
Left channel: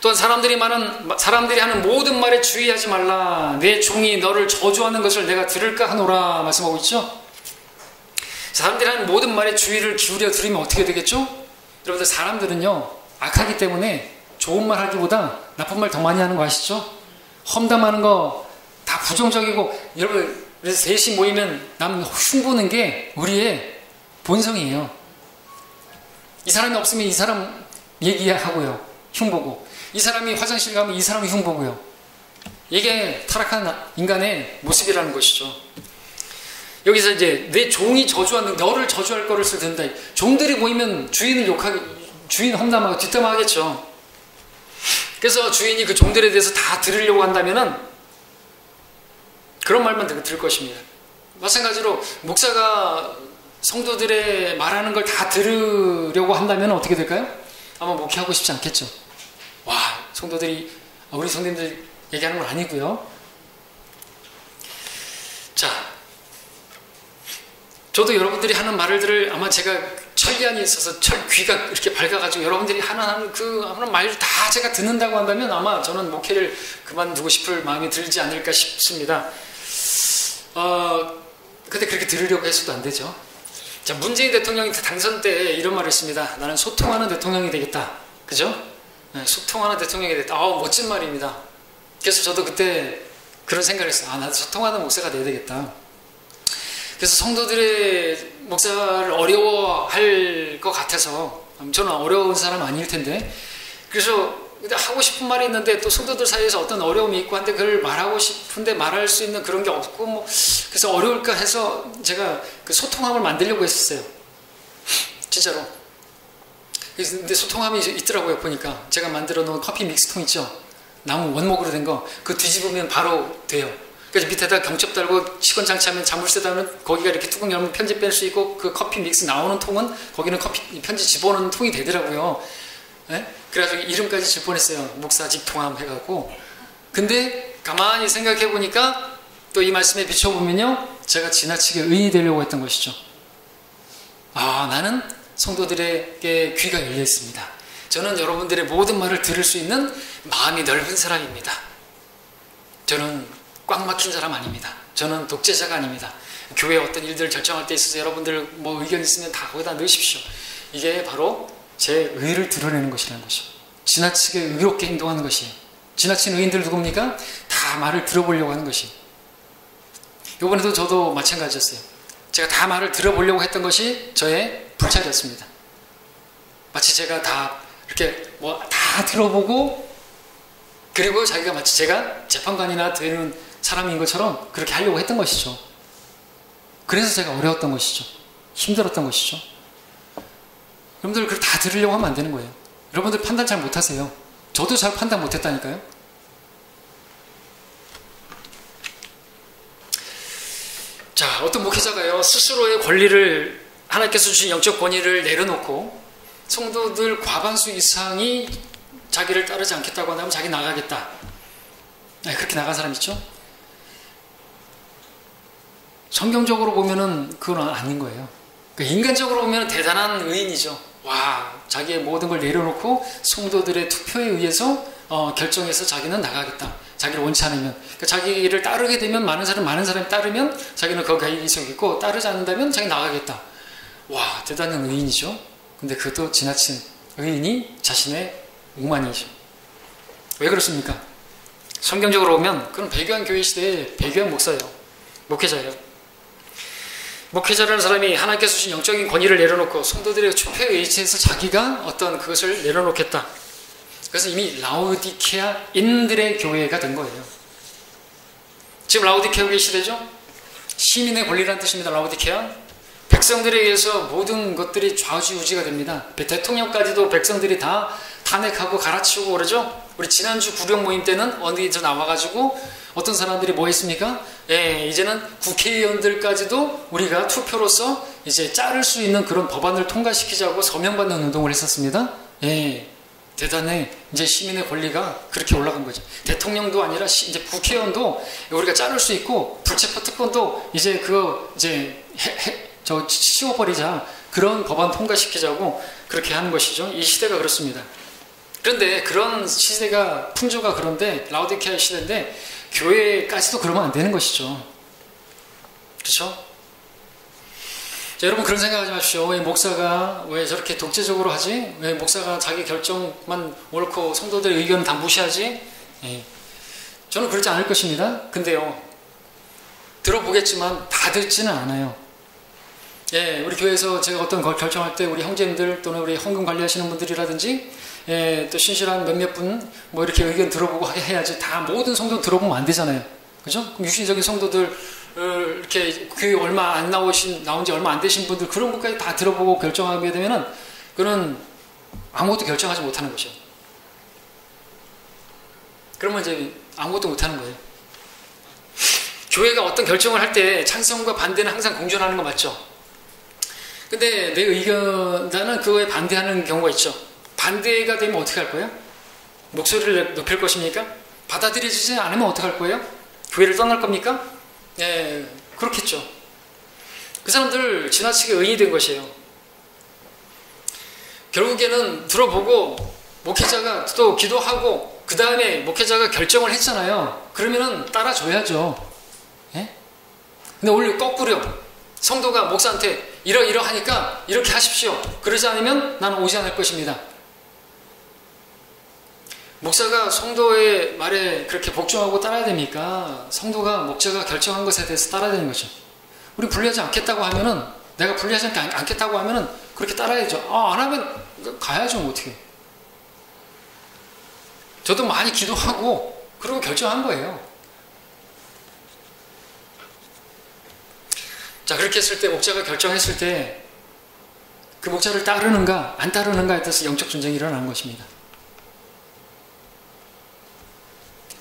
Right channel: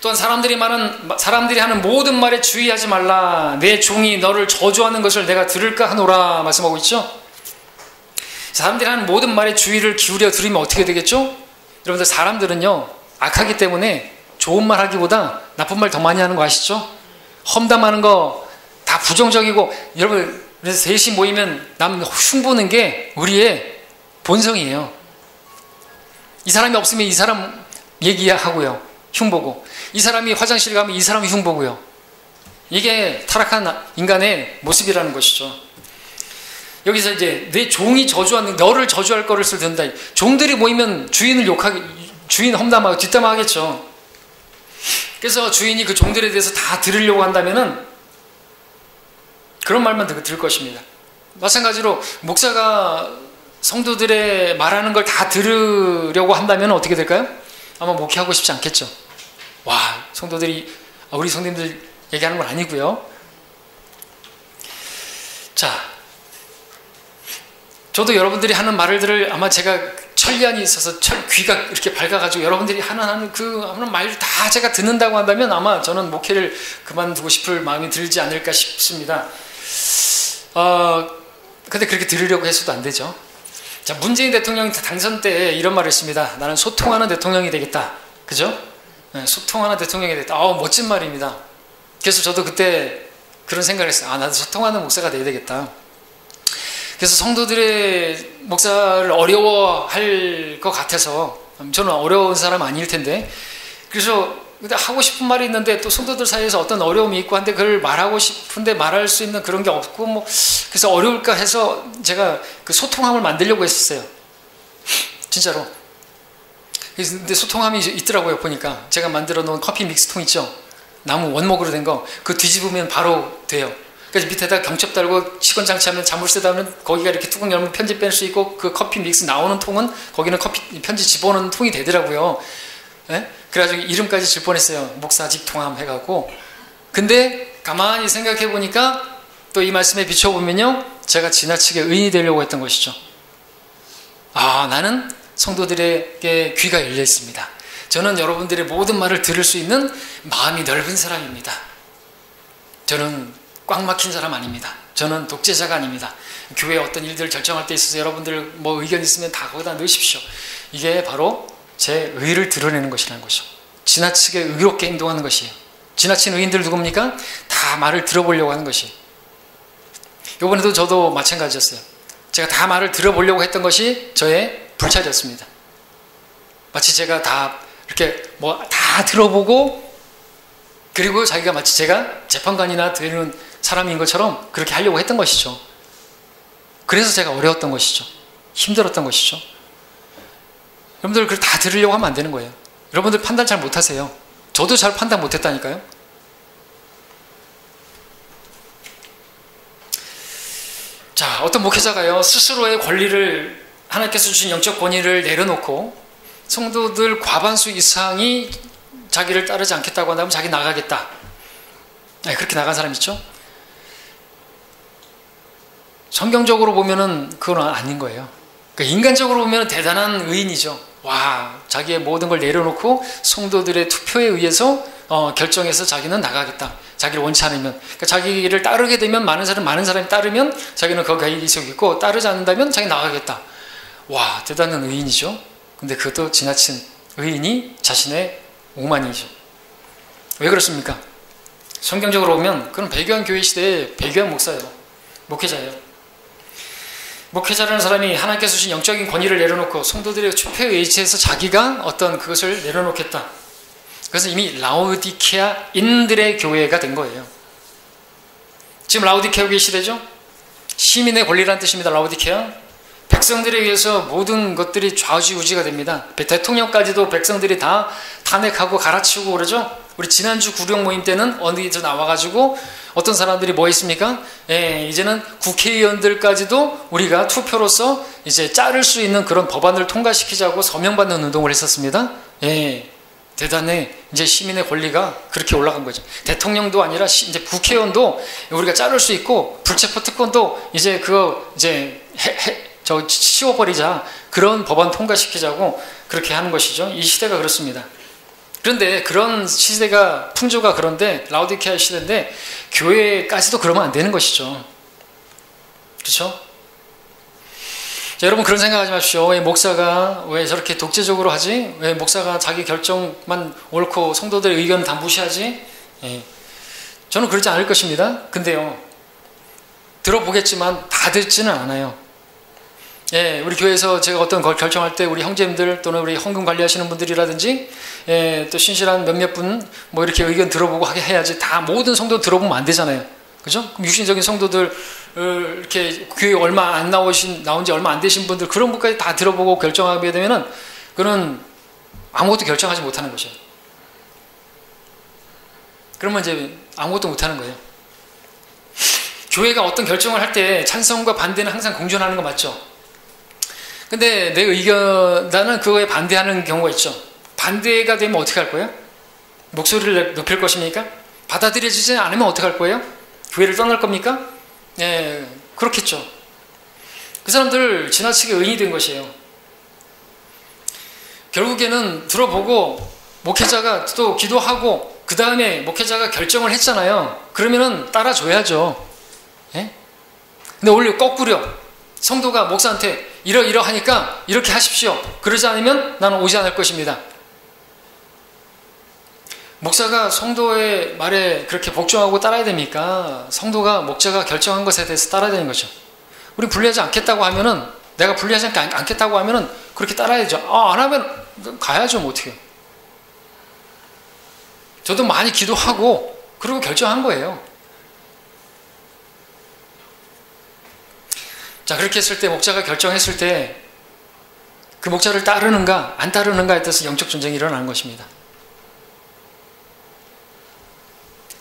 또한 사람들이 하는 모든 말에 주의하지 말라. 내 종이 너를 저주하는 것을 내가 들을까 하노라 말씀하고 있죠. 사람들이 하는 모든 말에 주의를 기울여 들으면 어떻게 되겠죠? 여러분들 사람들은요 악하기 때문에 좋은 말 하기보다 나쁜 말 더 많이 하는 거 아시죠? 험담하는 거 다 부정적이고, 여러분 그래서 셋이 모이면 남 흉보는 게 우리의 본성이에요. 이 사람이 없으면 이 사람 얘기하고요, 흉보고, 이 사람이 화장실 가면 이 사람이 흉보고요. 이게 타락한 인간의 모습이라는 것이죠. 여기서 이제 내 종이 저주하는, 너를 저주할 거를 듣는다. 종들이 모이면 주인 험담하고 뒷담화하겠죠. 그래서 주인이 그 종들에 대해서 다 들으려고 한다면은 그런 말만 들을 것입니다. 마찬가지로 목사가 성도들의 말하는 걸 다 들으려고 한다면 어떻게 될까요? 아마 목회하고 싶지 않겠죠. 와, 성도들이 우리 성도님들 얘기하는 건 아니고요. 자, 저도 여러분들이 하는 말을 아마 제가 천리안이 있어서 귀가 이렇게 밝아가지고 여러분들이 하는 말을 다 제가 듣는다고 한다면 아마 저는 목회를 그만두고 싶을 마음이 들지 않을까 싶습니다. 근데 그렇게 들으려고 해서도 안 되죠. 자, 문재인 대통령이 당선 때 이런 말을 했습니다. 나는 소통하는 대통령이 되겠다. 그죠? 네, 소통하는 대통령이 되겠다. 멋진 말입니다. 그래서 저도 그때 그런 생각을 했어요. 나도 소통하는 목사가 돼야 되겠다. 그래서 성도들의 목사를 어려워할 것 같아서, 저는 어려운 사람 아닐 텐데, 그래서 하고 싶은 말이 있는데 또 성도들 사이에서 어떤 어려움이 있고 한데 그걸 말하고 싶은데 말할 수 있는 그런 게 없고 그래서 어려울까 해서 제가 그 소통함을 만들려고 했었어요. 진짜로. 근데 소통함이 있더라고요. 보니까 제가 만들어 놓은 커피 믹스통 있죠, 나무 원목으로 된 거, 그거 뒤집으면 바로 돼요. 그래서 밑에다 경첩 달고 시건 장치하면, 자물쇠 달면 거기가 이렇게 뚜껑 열면 편지 뺄 수 있고, 그 커피 믹스 나오는 통은 거기는 편지 집어넣는 통이 되더라고요. 네? 그래가지고 이름까지 질 뻔했어요. 목사직 통함 해갖고. 근데 가만히 생각해 보니까 또 이 말씀에 비춰보면요, 제가 지나치게 의인이 되려고 했던 것이죠. 나는 성도들에게 귀가 열려 있습니다. 저는 여러분들의 모든 말을 들을 수 있는 마음이 넓은 사람입니다. 저는 꽉 막힌 사람 아닙니다. 저는 독재자가 아닙니다. 교회 어떤 일들을 결정할 때 있어서 여러분들 의견 있으면 다 거기다 넣으십시오. 이게 바로 제 의를 드러내는 것이라는 것이죠. 지나치게 의롭게 행동하는 것이에요. 지나친 의인들 누굽니까? 다 말을 들어보려고 하는 것이에요. 이번에도 저도 마찬가지였어요. 제가 다 말을 들어보려고 했던 것이 저의 불찰이었습니다. 마치 제가 다 이렇게 뭐 다 들어보고, 그리고 자기가 마치 제가 재판관이나 되는 사람인 것처럼 그렇게 하려고 했던 것이죠. 그래서 제가 어려웠던 것이죠. 힘들었던 것이죠. 여러분들 그걸 다 들으려고 하면 안 되는 거예요. 여러분들 판단 잘 못하세요. 저도 잘 판단 못했다니까요. 자, 어떤 목회자가요, 스스로의 권리를, 하나님께서 주신 영적 권위를 내려놓고 성도들 과반수 이상이 자기를 따르지 않겠다고 한다면 자기 나가겠다. 그렇게 나간 사람 있죠? 성경적으로 보면은 그건 아닌 거예요. 그러니까 인간적으로 보면 대단한 의인이죠. 와, 자기의 모든 걸 내려놓고 성도들의 투표에 의해서 결정해서 자기는 나가겠다. 자기를 원치 않으면. 그러니까 자기를 따르게 되면 많은 사람이 따르면 자기는 거기에 있고, 따르지 않는다면 자기 나가겠다. 와, 대단한 의인이죠. 근데 그것도 지나친 의인이 자신의 오만이죠. 왜 그렇습니까? 성경적으로 보면 그건 배교한 교회 시대의 배교한 목사예요. 목회자예요. 목회자라는 사람이 하나님께서 주신 영적인 권위를 내려놓고 성도들의 투표에 의지해서 자기가 어떤 그것을 내려놓겠다. 그래서 이미 라오디케아인들의 교회가 된 거예요. 지금 라오디케아 교회 시대죠? 시민의 권리라는 뜻입니다. 라오디케아. 백성들에 의해서 모든 것들이 좌지우지가 됩니다. 대통령까지도 백성들이 다 탄핵하고 갈아치우고 그러죠? 우리 지난주 구령 모임 때는 어디서 나와가지고 어떤 사람들이 뭐 했습니까? 이제는 국회의원들까지도 우리가 투표로서 이제 자를 수 있는 그런 법안을 통과시키자고 서명받는 운동을 했었습니다. 대단해. 이제 시민의 권리가 그렇게 올라간 거죠. 대통령도 아니라 이제 국회의원도 우리가 자를 수 있고, 불체포 특권도 이제 그거 이제 씌워버리자. 그런 법안 통과시키자고 그렇게 하는 것이죠. 이 시대가 그렇습니다. 그런데 그런 시대가, 풍조가 그런데, 라오디케아 시대인데 교회까지도 그러면 안 되는 것이죠. 그렇죠? 자, 여러분 그런 생각하지 마십시오. 왜 목사가 왜 저렇게 독재적으로 하지? 왜 목사가 자기 결정만 옳고 성도들의 의견 다 무시하지? 저는 그러지 않을 것입니다. 근데요, 들어보겠지만 다 듣지는 않아요. 우리 교회에서 제가 어떤 걸 결정할 때 우리 형제님들 또는 우리 헌금 관리하시는 분들이라든지 또 신실한 몇몇 분 뭐 이렇게 의견 들어보고 하게 해야지, 다 모든 성도 들어보면 안 되잖아요. 그죠? 그럼 육신적인 성도들 이렇게 교회 얼마 안 나온 지 얼마 안 되신 분들, 그런 분까지 다 들어보고 결정하게 되면은 그는 아무것도 결정하지 못하는 것이에요. 그러면 이제 아무것도 못하는 거예요. 교회가 어떤 결정을 할 때 찬성과 반대는 항상 공존하는 거 맞죠? 근데 내 의견, 나는 그거에 반대하는 경우가 있죠. 반대가 되면 어떻게 할 거예요? 목소리를 높일 것입니까? 받아들여지지 않으면 어떻게 할 거예요? 교회를 떠날 겁니까? 그렇겠죠. 그 사람들 지나치게 의인이 된 것이에요. 결국에는 들어보고 목회자가 또 기도하고 그 다음에 목회자가 결정을 했잖아요. 그러면은 따라줘야죠. 근데 원래 거꾸로 성도가 목사한테 이러하니까 이렇게 하십시오. 그러지 않으면 나는 오지 않을 것입니다. 목사가 성도의 말에 그렇게 복종하고 따라야 됩니까? 성도가 목자가 결정한 것에 대해서 따라야 되는 거죠. 우리 분리하지 않겠다고 하면은, 내가 분리하지 않겠다고 하면은 그렇게 따라야죠. 안 하면 가야죠. 뭐 어떻게. 저도 많이 기도하고 그리고 결정한 거예요. 자, 그렇게 했을 때, 목자가 결정했을 때 그 목자를 따르는가 안 따르는가에 따라서 영적 전쟁이 일어나는 것입니다.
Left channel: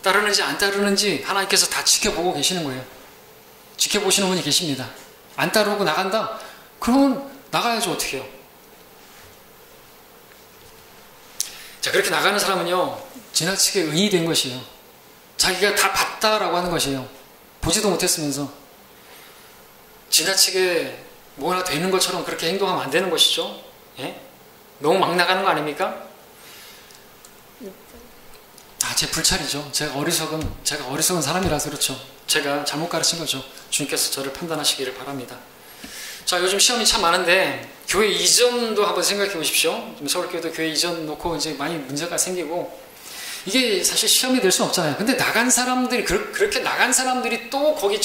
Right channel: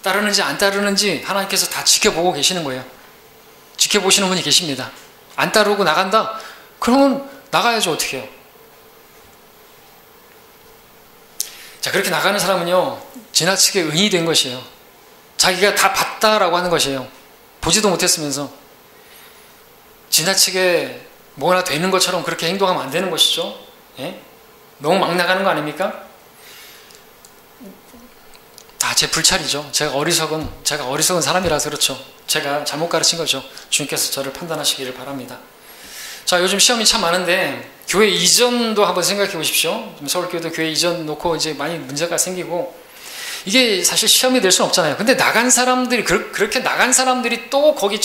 따르는지 안 따르는지 하나님께서 다 지켜보고 계시는 거예요. 지켜보시는 분이 계십니다. 안 따르고 나간다? 그러면 나가야죠. 어떻게 해요? 자, 그렇게 나가는 사람은요, 지나치게 의인이 된 것이에요. 자기가 다 봤다라고 하는 것이에요. 보지도 못했으면서 지나치게 뭐나 되는 것처럼 그렇게 행동하면 안 되는 것이죠. 너무 막 나가는 거 아닙니까? 다 제 불찰이죠. 제가 어리석은 사람이라서 그렇죠. 제가 잘못 가르친 거죠. 주님께서 저를 판단하시기를 바랍니다. 자, 요즘 시험이 참 많은데 교회 이전도 한번 생각해 보십시오. 서울교회도 교회 이전 놓고 이제 많이 문제가 생기고, 이게 사실 시험이 될 수는 없잖아요. 근데 나간 사람들이, 그렇게 나간 사람들이 또 거기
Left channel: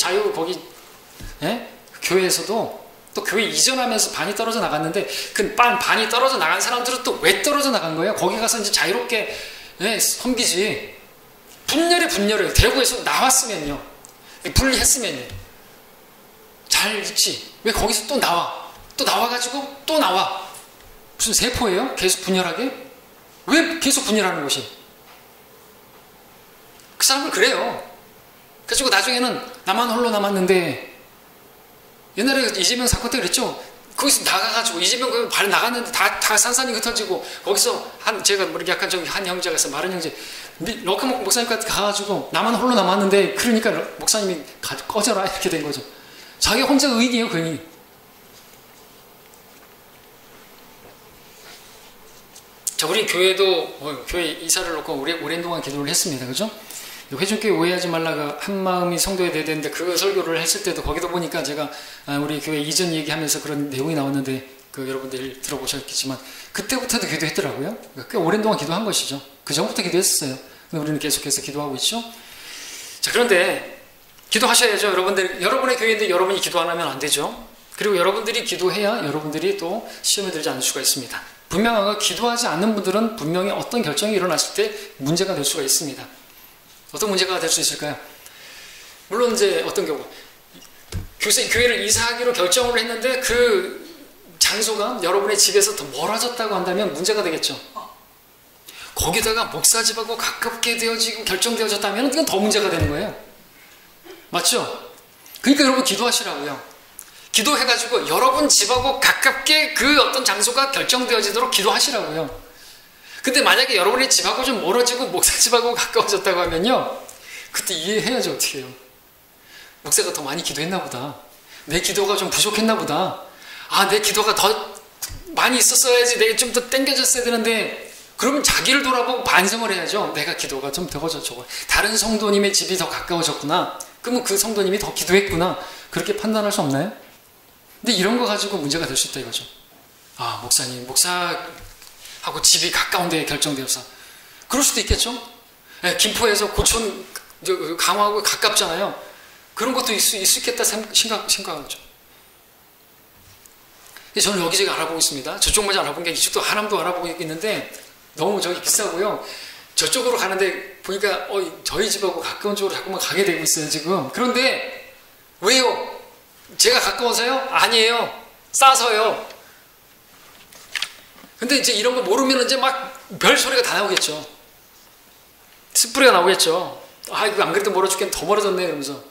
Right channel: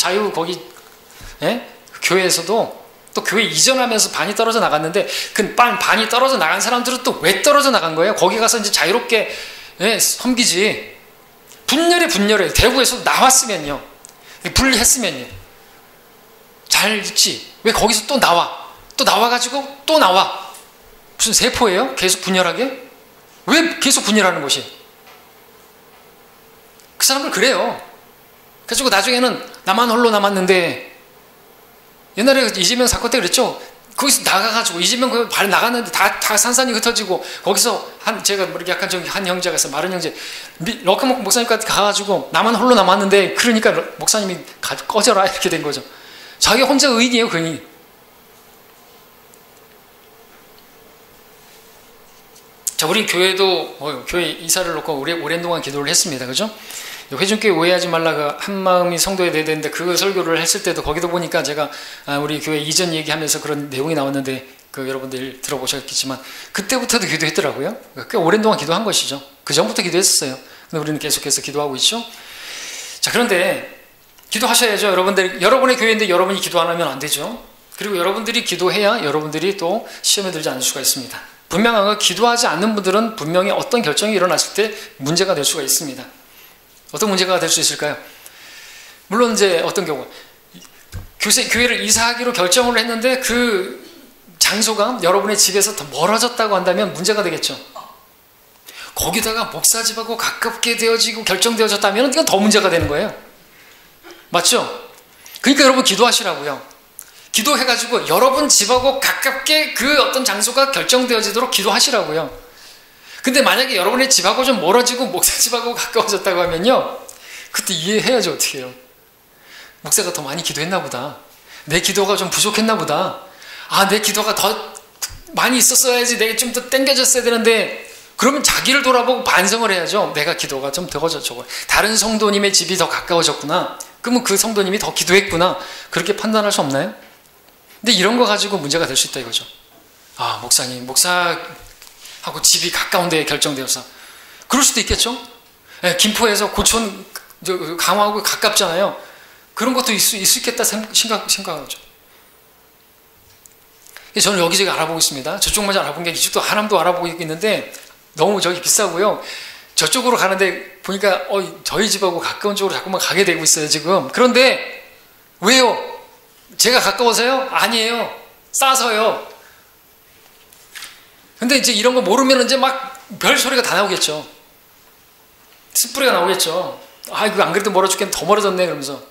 교회에서도 또 교회 이전하면서 반이 떨어져 나갔는데, 그 반이 떨어져 나간 사람들은 또 왜 떨어져 나간 거예요? 거기 가서 이제 자유롭게 섬기지. 분열해. 대구에서 나왔으면요. 분리했으면요. 잘 있지. 왜 거기서 또 나와? 또 나와가지고 또 나와. 무슨 세포예요? 계속 분열하게? 왜 계속 분열하는 것이? 그 사람들 그래요. 그래가지고 나중에는 나만 홀로 남았는데, 옛날에 이재명 사건 때 그랬죠. 거기서 나가가지고 이재명 그 발 나갔는데 다 산산이 흩어지고, 거기서 제가 뭐 이렇게 약간 좀 한 형제가 있어, 마른 형제, 럭커 목사님까지 가가지고 나만 홀로 남았는데, 그러니까 목사님이 꺼져라 이렇게 된 거죠. 자기 혼자 의인이에요, 의인. 자, 우리 교회도 교회 이사를 놓고 오랜 동안 기도를 했습니다. 그죠? 회중교회 오해하지 말라, 그 한마음이 성도에 대해야 되는데, 그 설교를 했을 때도 거기도 보니까 제가 우리 교회 이전 얘기하면서 그런 내용이 나왔는데, 여러분들 들어보셨겠지만 그때부터도 기도했더라고요. 꽤 오랜 동안 기도한 것이죠. 그 전부터 기도했었어요. 근데 우리는 계속해서 기도하고 있죠. 자, 그런데 기도하셔야죠. 여러분의 교회인데 여러분이 기도 안 하면 안 되죠. 그리고 여러분들이 기도해야 여러분들이 또 시험에 들지 않을 수가 있습니다. 분명한 건, 기도하지 않는 분들은 분명히 어떤 결정이 일어났을 때 문제가 될 수가 있습니다. 어떤 문제가 될 수 있을까요? 물론 이제 어떤 경우 교회를 이사하기로 결정을 했는데 그 장소가 여러분의 집에서 더 멀어졌다고 한다면 문제가 되겠죠. 거기다가 목사집하고 가깝게 되어지고 결정되어졌다면 이건 더 문제가 되는 거예요. 맞죠? 그러니까 여러분 기도하시라고요. 기도해가지고 여러분 집하고 가깝게 그 어떤 장소가 결정되어지도록 기도하시라고요. 근데 만약에 여러분의 집하고 좀 멀어지고 목사 집하고 가까워졌다고 하면요, 그때 이해해야죠. 어떻게 해요? 목사가 더 많이 기도했나 보다. 내 기도가 좀 부족했나 보다. 내 기도가 더 많이 있었어야지, 내가 좀 더 땡겨졌어야 되는데, 그러면 자기를 돌아보고 반성을 해야죠. 내가 기도가 좀 적어. 다른 성도님의 집이 더 가까워졌구나. 그러면 그 성도님이 더 기도했구나. 그렇게 판단할 수 없나요? 근데 이런 거 가지고 문제가 될 수 있다 이거죠. 목사하고 집이 가까운데 결정되어서. 그럴 수도 있겠죠. 김포에서 고촌, 강화하고 가깝잖아요. 그런 것도 있을 수 있겠다 생각하죠. 저는 여기저기 알아보고 있습니다. 저쪽만 알아본 게 이쪽도 하남도 알아보고 있는데, 너무 저기 비싸고요. 저쪽으로 가는데 보니까 저희 집하고 가까운 쪽으로 자꾸만 가게 되고 있어요 지금. 그런데 왜요? 제가 가까워서요? 아니에요. 싸서요. 근데 이제 이런 거 모르면 이제 막 별소리가 다 나오겠죠. 숯불이가 나오겠죠. 이거 안 그래도 멀어 죽겠는데 더 멀어졌네 그러면서.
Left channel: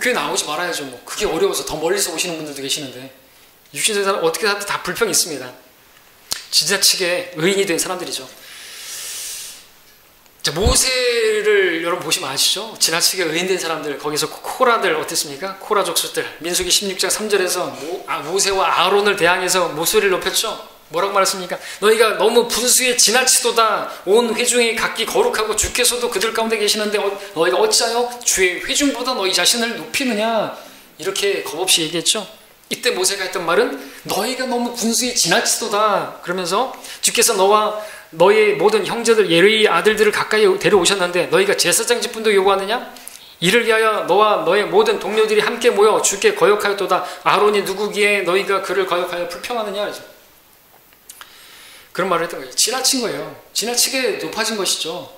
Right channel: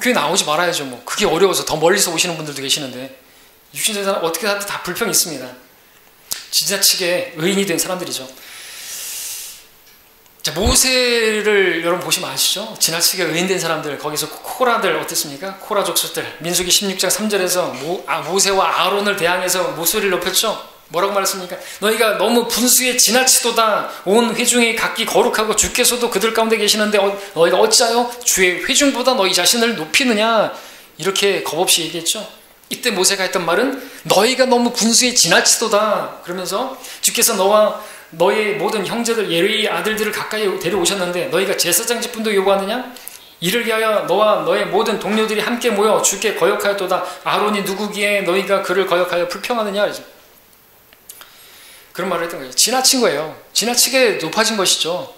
교회 나오지 말아야죠. 뭐 그게 어려워서 더 멀리서 오시는 분들도 계시는데, 육신적인 사람 어떻게 하든 다 불평이 있습니다. 지나치게 의인이 된 사람들이죠. 자, 모세를 여러분 보시면 아시죠? 지나치게 의인된 사람들, 거기서 코라들 어땠습니까? 코라 족속들. 민수기 16장 3절에서 모세와 아론을 대항해서 목소리를 높였죠? 뭐라고 말했습니까? 너희가 너무 분수에 지나치도다. 온 회중이 각기 거룩하고 주께서도 그들 가운데 계시는데 너희가 어찌하여 주의 회중보다 너희 자신을 높이느냐? 이렇게 겁없이 얘기했죠. 이때 모세가 했던 말은 너희가 너무 분수에 지나치도다. 그러면서 주께서 너와 너의 모든 형제들 예레의 아들들을 가까이 데려오셨는데 너희가 제사장 직분도 요구하느냐? 이를 위하여 너와 너의 모든 동료들이 함께 모여 주께 거역하였도다. 아론이 누구기에 너희가 그를 거역하여 불평하느냐? 그래서 그런 말을 했던 거예요. 지나친 거예요. 지나치게 높아진 것이죠.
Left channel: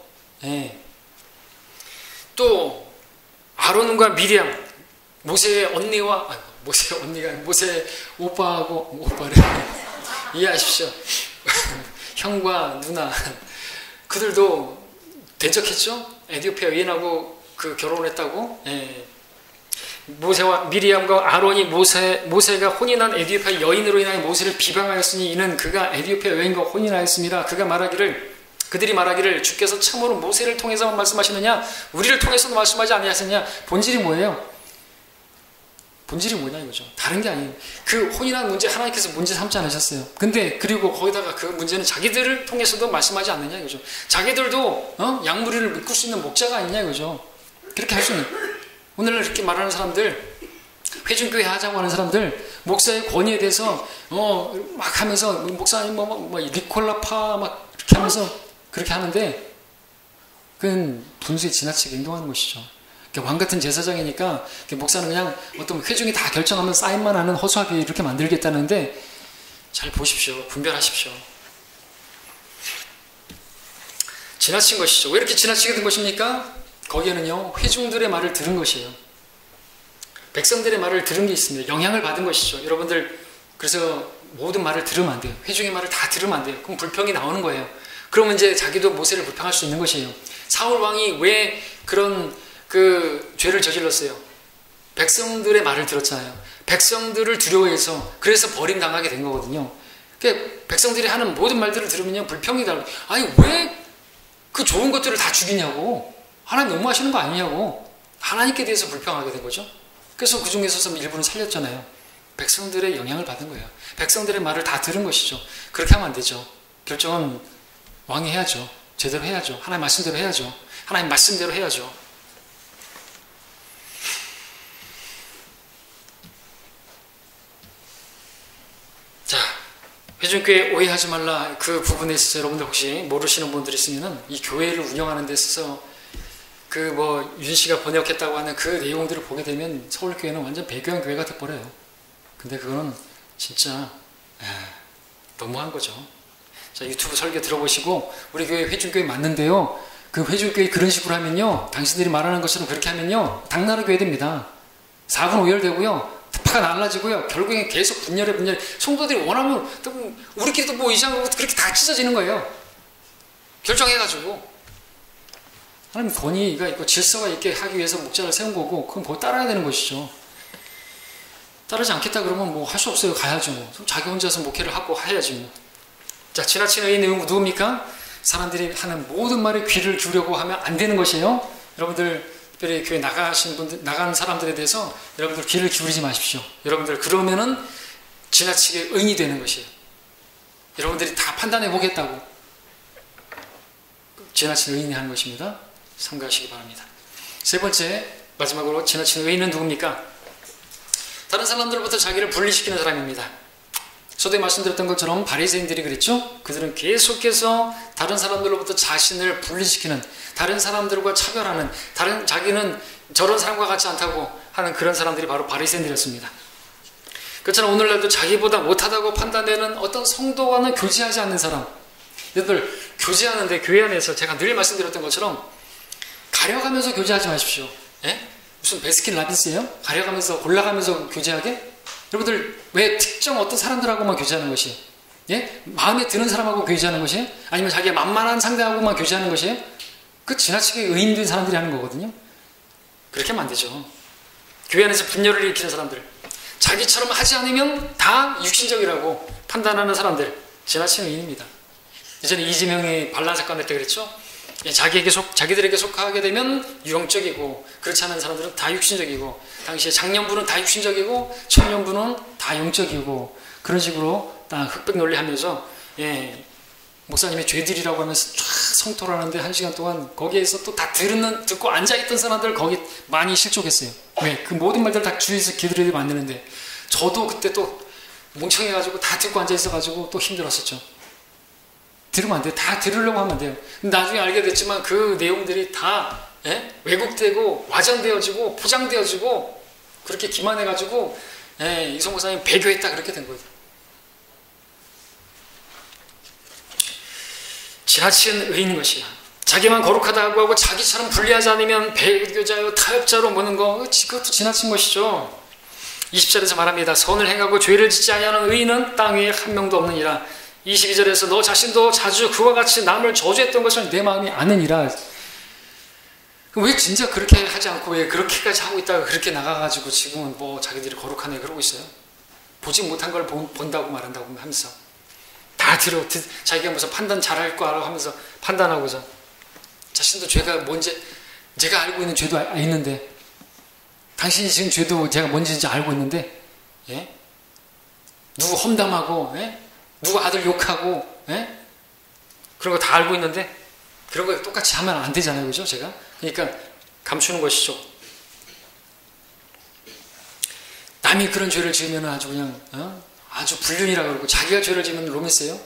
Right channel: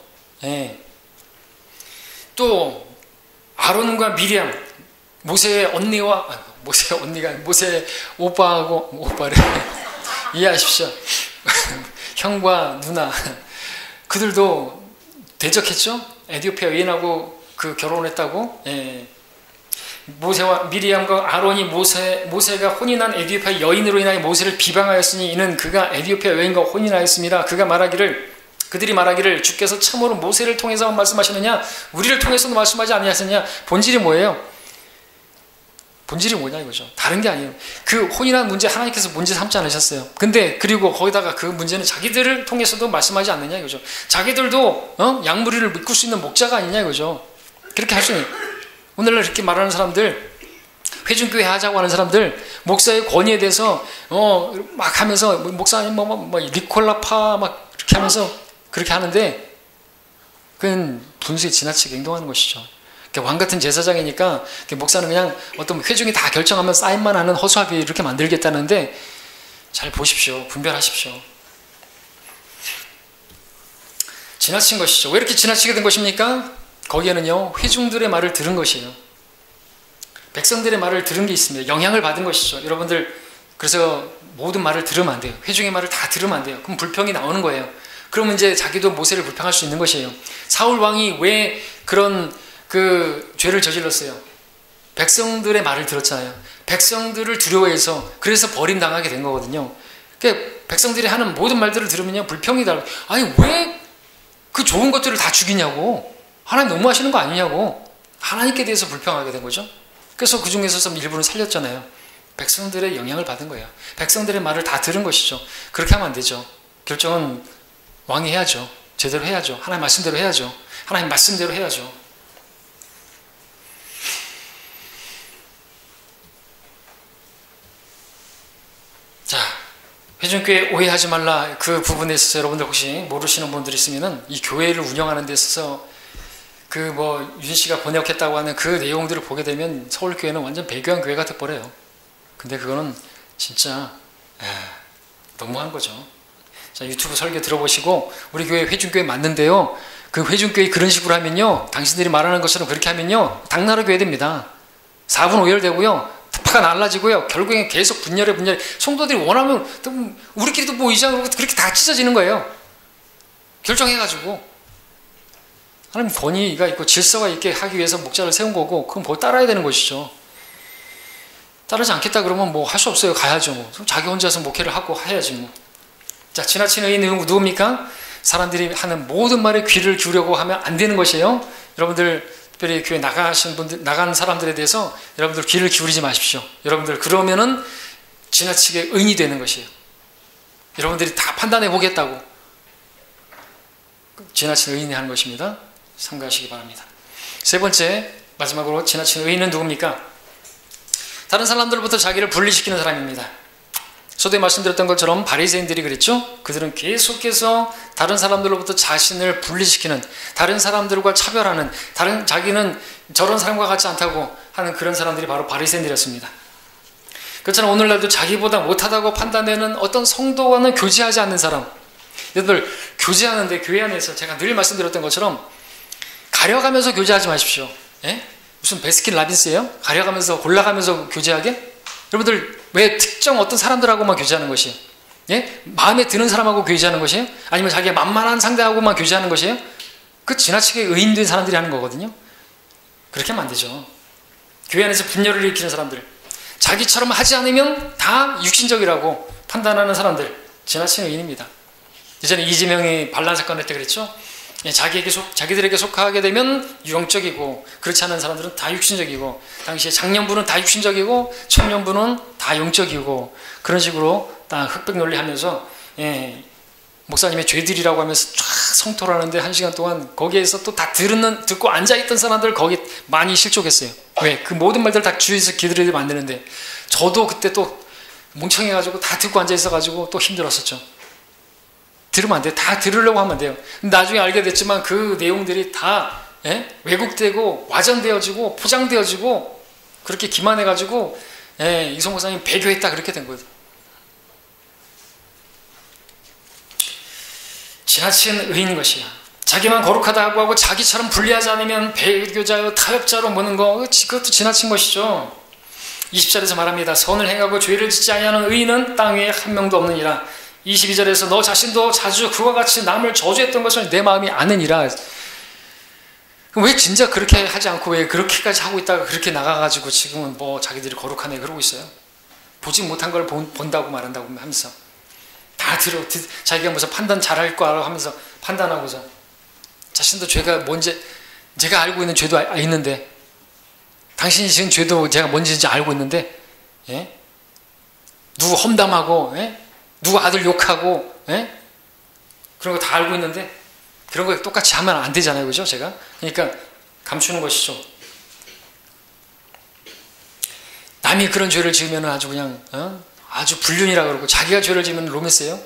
또 아론과 미리암, 모세의 오빠래 이해하십시오. 형과 누나, 그들도 대적했죠. 에디오피아 여인하고 결혼했다고. 모세와 미리암과 아론이 모세가 혼인한 에디오피아 여인으로 인하여 모세를 비방하였으니 이는 그가 에디오피아 여인과 혼인하였습니다. 그들이 말하기를 주께서 참으로 모세를 통해서만 말씀하시느냐 우리를 통해서도 말씀하지 아니하셨느냐. 본질이 뭐예요? 본질이 뭐냐 이거죠. 다른 게 아니에요. 그 혼인한 문제 하나님께서 문제 삼지 않으셨어요. 근데 그리고 거기다가 그 문제는 자기들을 통해서도 말씀하지 않느냐 이거죠. 자기들도 양무리를 묶을 수 있는 목자가 아니냐 이거죠. 그렇게 할 수 있는, 오늘날 이렇게 말하는 사람들, 회중교회 하자고 하는 사람들, 목사의 권위에 대해서 막 하면서 목사님 뭐 리콜라파 막 이렇게 하면서 그렇게 하는데 그건 분수에 지나치게 행동하는 것이죠. 왕 같은 제사장이니까 목사는 그냥 어떤 회중이 다 결정하면 사인만 하는 허수아비 이렇게 만들겠다는데 잘 보십시오. 분별하십시오. 지나친 것이죠. 왜 이렇게 지나치게 된 것입니까? 거기에는요, 회중들의 말을 들은 것이에요. 백성들의 말을 들은 게 있습니다. 영향을 받은 것이죠. 여러분들, 그래서 모든 말을 들으면 안 돼요. 회중의 말을 다 들으면 안 돼요. 그럼 불평이 나오는 거예요. 그러면 이제 자기도 모세를 불평할 수 있는 것이에요. 사울 왕이 왜 그런 죄를 저질렀어요? 백성들의 말을 들었잖아요. 백성들을 두려워해서 그래서 버림당하게 된 거거든요. 그러니까 백성들이 하는 모든 말들을 들으면요, 불평이 달고, 아니 왜 그 좋은 것들을 다 죽이냐고, 하나님 너무하시는 거 아니냐고, 하나님께 대해서 불평하게 된 거죠. 그래서 그 중에서 일부는 살렸잖아요. 백성들의 영향을 받은 거예요. 백성들의 말을 다 들은 것이죠. 그렇게 하면 안 되죠. 결정은 왕이 해야죠. 제대로 해야죠. 하나님 말씀대로 해야죠. 하나님 말씀대로 해야죠. 자, 회중교회 오해하지 말라. 그 부분에 있어서 여러분들 혹시 모르시는 분들이 있으면은 이 교회를 운영하는 데 있어서 윤 씨가 번역했다고 하는 그 내용들을 보게 되면 서울교회는 완전 배교한 교회가 돼버려요. 근데 그거는 진짜 너무한 거죠. 자, 유튜브 설교 들어보시고 우리 교회 회중교회 맞는데요, 그 회중교회 그런 식으로 하면요, 당신들이 말하는 것처럼 그렇게 하면요, 당나라 교회 됩니다. 4분 오열되고요, 파가 날라지고요, 결국엔 계속 분열해. 성도들이 원하면 우리끼리도 뭐 이상하고 그렇게 다 찢어지는 거예요. 결정해가지고 하나님 권위가 있고 질서가 있게 하기 위해서 목자를 세운 거고, 그럼 뭐 따라야 되는 것이죠. 따르지 않겠다 그러면 뭐 할 수 없어요. 가야죠. 뭐. 자기 혼자서 목회를 하고 해야지 뭐. 자, 지나친 의인은 누굽니까? 사람들이 하는 모든 말에 귀를 기울이려고 하면 안 되는 것이에요. 여러분들 특별히 교회 나간 사람들에 대해서 여러분들 귀를 기울이지 마십시오. 여러분들 그러면은 지나치게 의인이 되는 것이에요. 여러분들이 다 판단해 보겠다고 지나친 의인이 하는 것입니다. 삼가하시기 바랍니다. 세 번째, 마지막으로 지나친 의인은 누굽니까? 다른 사람들로부터 자기를 분리시키는 사람입니다. 저도 말씀드렸던 것처럼 바리새인들이 그랬죠. 그들은 계속해서 다른 사람들로부터 자신을 분리시키는, 다른 사람들과 차별하는, 자기는 저런 사람과 같지 않다고 하는 그런 사람들이 바로 바리새인들이었습니다. 그렇잖아요. 오늘날도 자기보다 못하다고 판단되는 어떤 성도와는 교제하지 않는 사람. 여러분들 교제하는데 교회 안에서 제가 늘 말씀드렸던 것처럼 가려가면서 교제하지 마십시오. 예? 무슨 베스킨라빈스예요? 가려가면서 골라가면서 교제하게? 여러분들 왜 특정 어떤 사람들하고만 교제하는 것이에요? 예? 마음에 드는 사람하고 교제하는 것이에요? 아니면 자기가 만만한 상대하고만 교제하는 것이에요? 그 지나치게 의인된 사람들이 하는 거거든요. 그렇게 하면 안 되죠. 교회 안에서 분열을 일으키는 사람들, 자기처럼 하지 않으면 다 육신적이라고 판단하는 사람들, 지나친 의인입니다. 예전에 이재명이 반란 사건 할 때 그랬죠. 자기들에게 속하게 되면 영적이고, 그렇지 않은 사람들은 다 육신적이고, 당시에 장년부는 다 육신적이고 청년부는 다 영적이고, 그런 식으로 딱 흑백 논리하면서 목사님의 죄들이라고 하면서 쫙 성토를 하는데 1시간 동안 거기에서 또 다 듣고 앉아있던 사람들 거기 많이 실족했어요. 왜? 그 모든 말들 다 주위에서 기들이 만드는데, 저도 그때 또 멍청해가지고 다 듣고 앉아있어가지고 또 힘들었었죠. 들으면 안 돼요. 다 들으려고 하면 안 돼요. 나중에 알게 됐지만 그 내용들이 다 왜곡되고 와전되어지고 포장되어지고 그렇게 기만해가지고 이성 목사님 배교했다 그렇게 된 거예요. 지나친 의인 것이야. 자기만 거룩하다고 하고 자기처럼 분리하지 않으면 배교자요 타협자로 모는 거, 그것도 지나친 것이죠. 20절에서 말합니다. 선을 행하고 죄를 짓지 아니하는 의인은 땅 위에 한 명도 없느니라. 22절에서 너 자신도 자주 그와 같이 남을 저주했던 것을 내 마음이 아느니라. 왜 진짜 그렇게 하지 않고 왜 그렇게까지 하고 있다가 그렇게 나가가지고 지금은 뭐 자기들이 거룩하네 그러고 있어요. 보지 못한 걸 본다고 말한다고 하면서 다 자기가 무슨 판단 잘할 거라고 하면서 판단하고서 자신도 죄가 뭔지, 제가 알고 있는 죄도 있는데, 당신이 지금 죄도 제가 뭔지 알고 있는데, 누구 험담하고, 누구 아들 욕하고, 그런 거 다 알고 있는데 그런 거 똑같이 하면 안 되잖아요. 그죠? 제가. 그러니까 감추는 것이죠. 남이 그런 죄를 지으면 아주 그냥 아주 불륜이라 그러고 자기가 죄를 지으면 로맨스예요.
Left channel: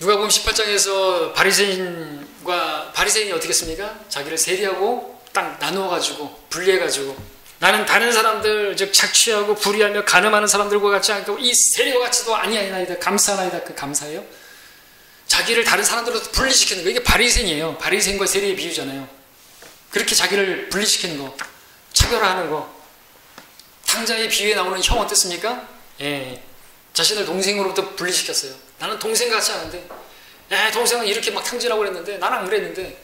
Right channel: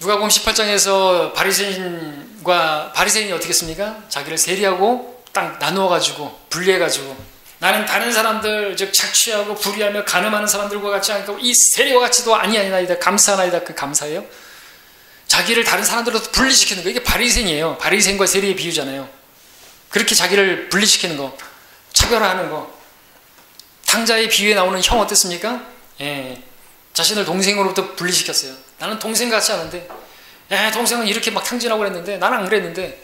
누가복음 18장에서 바리새인이 어떻게 했습니까? 자기를 세리하고 딱 나누어 가지고 분리해 가지고 나는 다른 사람들 즉 착취하고 불의하며 간음하는 사람들과 같지 않고 이 세리와 같이도 아니하나이다 감사하나이다. 그 감사예요. 자기를 다른 사람들로부터 분리시키는 거, 이게 바리새인이에요. 바리새인과 세리의 비유잖아요. 그렇게 자기를 분리시키는 거, 차별화하는 거. 탕자의 비유에 나오는 형 어땠습니까? 예, 자신을 동생으로부터 분리시켰어요. 나는 동생 같지 않은데, 동생은 이렇게 막 탕진하고 그랬는데 나는 안 그랬는데.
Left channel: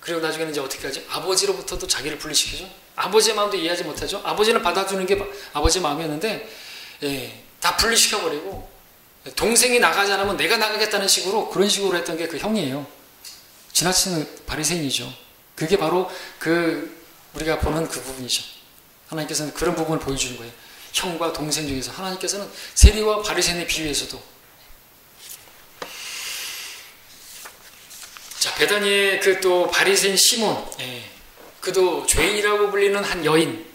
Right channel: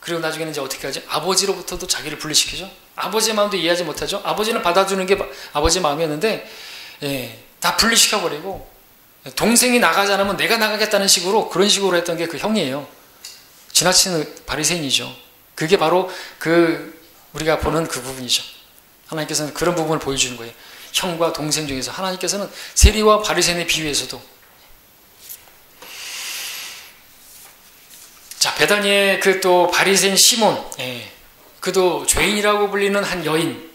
그리고 나중에는 이제 어떻게 하지? 아버지로부터도 자기를 분리시키죠. 아버지의 마음도 이해하지 못하죠. 아버지는 받아주는 게 아버지의 마음이었는데, 다 분리시켜버리고 동생이 나가지 않으면 내가 나가겠다는 식으로, 그런 식으로 했던 게 그 형이에요. 지나치는 바리새인이죠. 그게 바로 우리가 보는 그 부분이죠. 하나님께서는 그런 부분을 보여주는 거예요. 형과 동생 중에서 하나님께서는 세리와 바리새인의 비유에서도. 자, 베다니의 그 또 바리새인 시몬, 그도 죄인이라고 불리는 한 여인을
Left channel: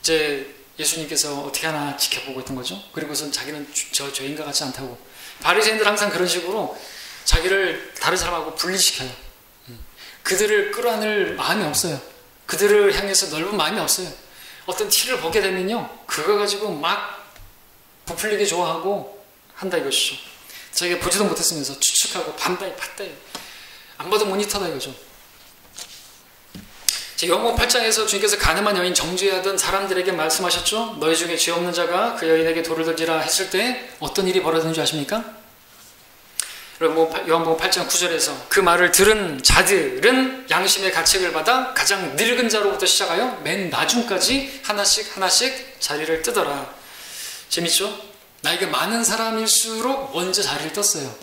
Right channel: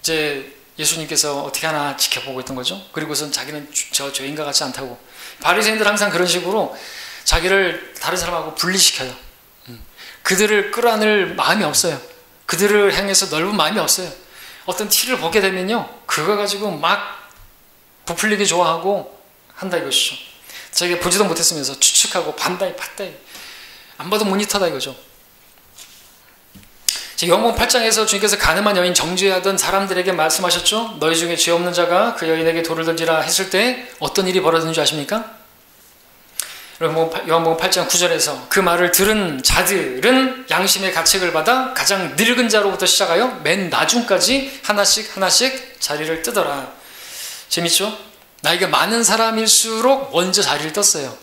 이제 예수님께서 어떻게 하나 지켜보고 있던 거죠. 그리고선 자기는 저 죄인과 같지 않다고. 바리새인들 항상 그런 식으로 자기를 다른 사람하고 분리시켜요. 그들을 끌어안을 마음이 없어요. 그들을 향해서 넓은 마음이 없어요. 어떤 티를 보게 되면요, 그거 가지고 막 부풀리게 좋아하고 한다 이것이죠. 자기가 보지도 못했으면서 추측하고 반다이 팟다이 안 봐도 모니터다 이거죠. 요한복음 8장에서 주님께서 가늠한 여인 정죄하던 사람들에게 말씀하셨죠. 너희 중에 죄 없는 자가 그 여인에게 돌을 던지라 했을 때 어떤 일이 벌어졌는지 아십니까? 요한복음 8장 9절에서 그 말을 들은 자들은 양심의 가책을 받아 가장 늙은 자로부터 시작하여 맨 나중까지 하나씩 자리를 뜨더라. 재밌죠? 나이가 많은 사람일수록 먼저 자리를 떴어요.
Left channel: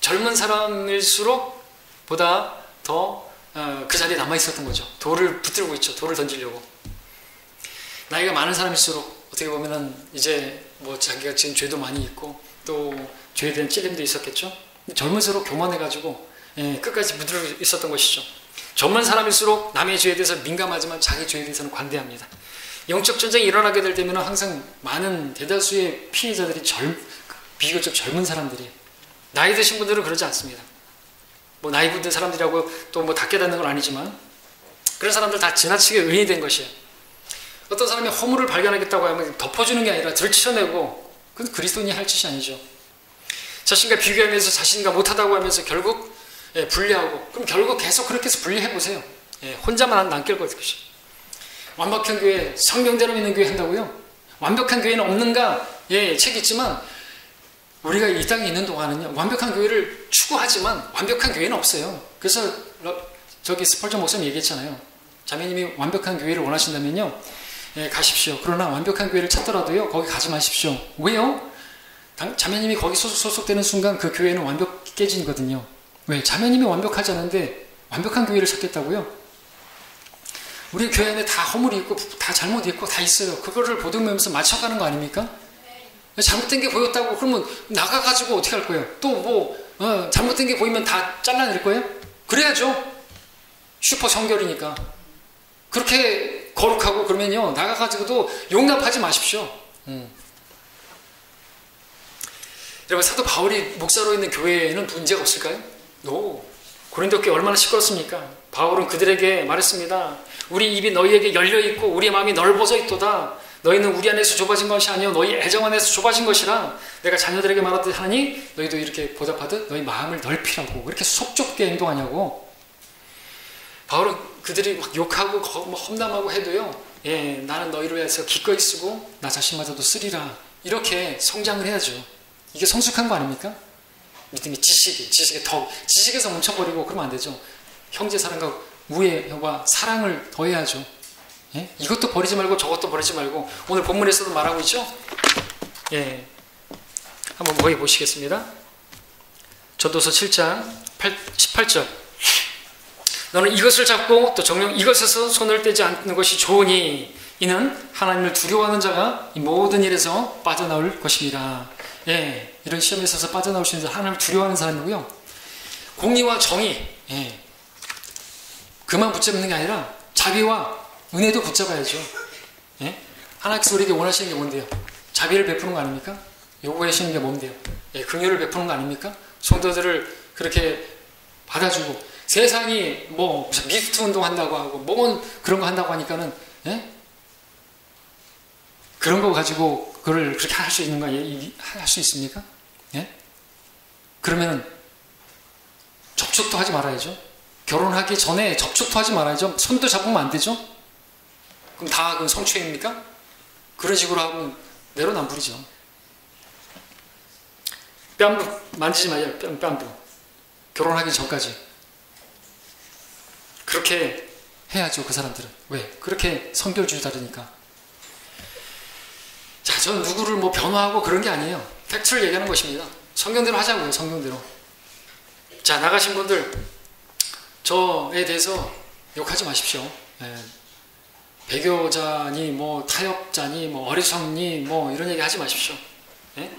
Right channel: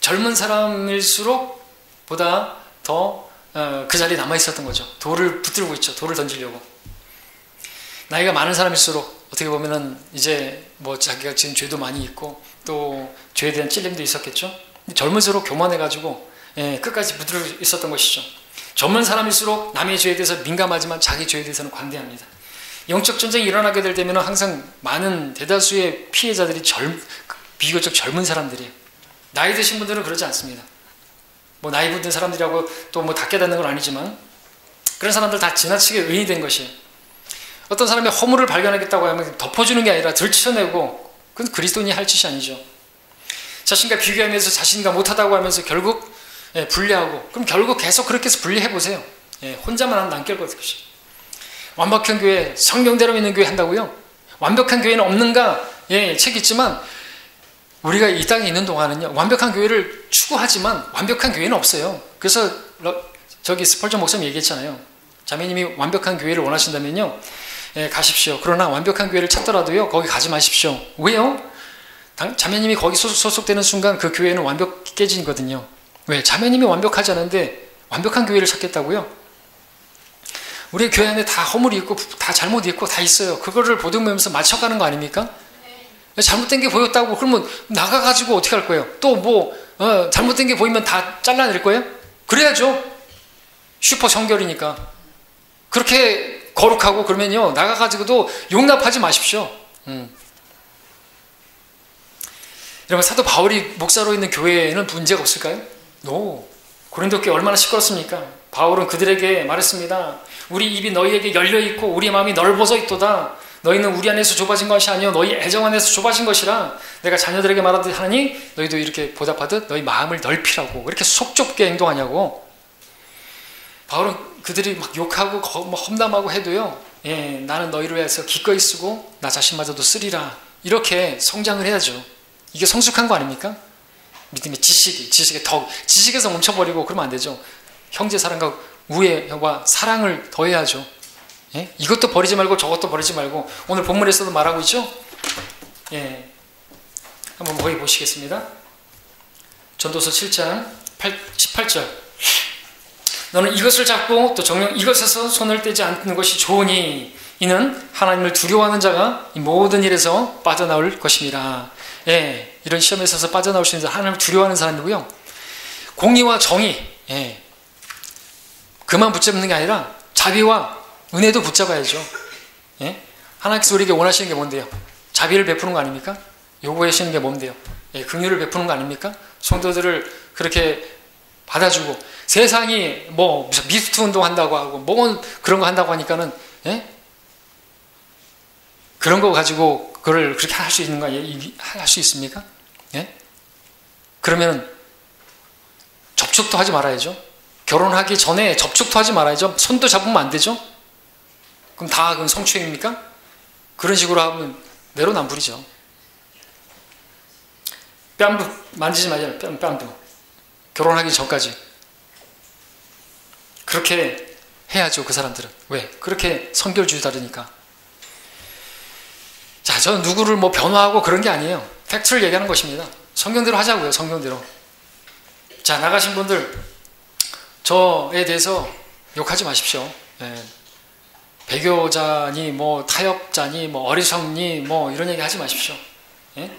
젊은 사람일수록 보다 더 그 자리에 남아 있었던 거죠. 돌을 붙들고 있죠. 돌을 던지려고. 나이가 많은 사람일수록 어떻게 보면은 이제 뭐 자기가 지은 죄도 많이 있고 또 죄에 대한 찔림도 있었겠죠. 젊을수록 교만해가지고 끝까지 붙들고 있었던 것이죠. 젊은 사람일수록 남의 죄에 대해서 민감하지만 자기 죄에 대해서는 관대합니다. 영적 전쟁이 일어나게 될 때면 항상 많은 대다수의 피해자들이 비교적 젊은 사람들이에요. 나이 드신 분들은 그러지 않습니다. 뭐 나이 든 사람들이라고 또 뭐 다 깨닫는 건 아니지만 그런 사람들 다 지나치게 의인이 된 것이에요. 어떤 사람이 허물을 발견하겠다고 하면 덮어주는 게 아니라 들추어내고, 그건 그리스도인이 할 짓이 아니죠. 자신과 비교하면서 자신과 못하다고 하면서 결국 분리하고, 그럼 결국 계속 그렇게 해서 분리해 보세요. 혼자만 남길 것이죠. 완벽한 교회, 성경대로 믿는 교회 한다고요? 완벽한 교회는 없는가? 책 있지만 우리가 이 땅에 있는 동안은요, 완벽한 교회를 추구하지만 완벽한 교회는 없어요. 그래서 저기 스펄전 목사님 얘기했잖아요. 자매님이 완벽한 교회를 원하신다면요, 가십시오. 그러나 완벽한 교회를 찾더라도요, 거기 가지 마십시오. 왜요? 자매님이 거기 소속되는 순간 그 교회는 완벽해지거든요. 왜? 자매님이 완벽하지 않은데 완벽한 교회를 찾겠다고요? 우리 교회 안에 다 허물이 있고 다 잘못이 있고 다 있어요. 그거를 보듬으면서 맞춰가는 거 아닙니까? 잘못된 게 보였다고 그러면 나가가지고 어떻게 할 거예요? 또 뭐 잘못된 게 보이면 다 잘라낼 거예요? 그래야죠. 슈퍼 성결이니까. 그렇게 거룩하고 그러면요, 나가가지고도 용납하지 마십시오. 여러분, 사도 바울이 목사로 있는 교회에는 문제가 없을까요? No. 고린도 교회 얼마나 시끄럽습니까? 바울은 그들에게 말했습니다. 우리 입이 너희에게 열려있고 우리의 마음이 넓어져 있도다. 너희는 우리 안에서 좁아진 것이 아니요 너희 애정 안에서 좁아진 것이라. 내가 자녀들에게 말하듯 하니 너희도 이렇게 보답하듯 너희 마음을 넓히라고. 왜 이렇게 속 좁게 행동하냐고. 바울은 그들이 막 욕하고 험담하고 해도요, 나는 너희를 위해서 기꺼이 쓰고 나 자신마저도 쓰리라. 이렇게 성장을 해야죠. 이게 성숙한 거 아닙니까? 믿음의 지식에서 멈춰버리고 그러면 안 되죠. 형제 사랑과 우애와 사랑을 더해야죠. 이것도 버리지 말고 저것도 버리지 말고. 오늘 본문에서도 말하고 있죠. 한번 거기 보시겠습니다. 전도서 7장 18절. 너는 이것을 잡고 또 정녕 이것에서 손을 떼지 않는 것이 좋으니 이는 하나님을 두려워하는 자가 이 모든 일에서 빠져나올 것입니다. 이런 시험에 있어서 빠져나올 수 있는 하나님을 두려워하는 사람이고요. 공의와 정의, 그만 붙잡는 게 아니라 자비와 은혜도 붙잡아야죠. 예? 하나님께서 우리에게 원하시는 게 뭔데요? 자비를 베푸는 거 아닙니까? 요구하시는 게 뭔데요? 예, 긍휼을 베푸는 거 아닙니까? 성도들을 그렇게 받아주고, 세상이 뭐 미스트 운동 한다고 하고 뭐 그런 거 한다고 하니까는, 예? 그런 거 가지고 그걸 그렇게 할 수 있는가? 할 수 있습니까? 예? 그러면은 접촉도 하지 말아야죠. 결혼하기 전에 접촉도 하지 말아야죠. 손도 잡으면 안 되죠. 그럼 그건 성추행입니까? 그런 식으로 하면 내로남불이죠. 뺨도 만지지 말아요. 뺨도. 결혼하기 전까지. 그렇게 해야죠, 그 사람들은. 왜? 그렇게 성별주의다르니까. 자, 저는 누구를 뭐 변호하고 그런 게 아니에요. 팩트를 얘기하는 것입니다. 성경대로 하자고요, 성경대로. 자, 나가신 분들, 저에 대해서 욕하지 마십시오. 예. 배교자니, 뭐, 타협자니, 뭐, 어리석니, 뭐, 이런 얘기 하지 마십시오. 예?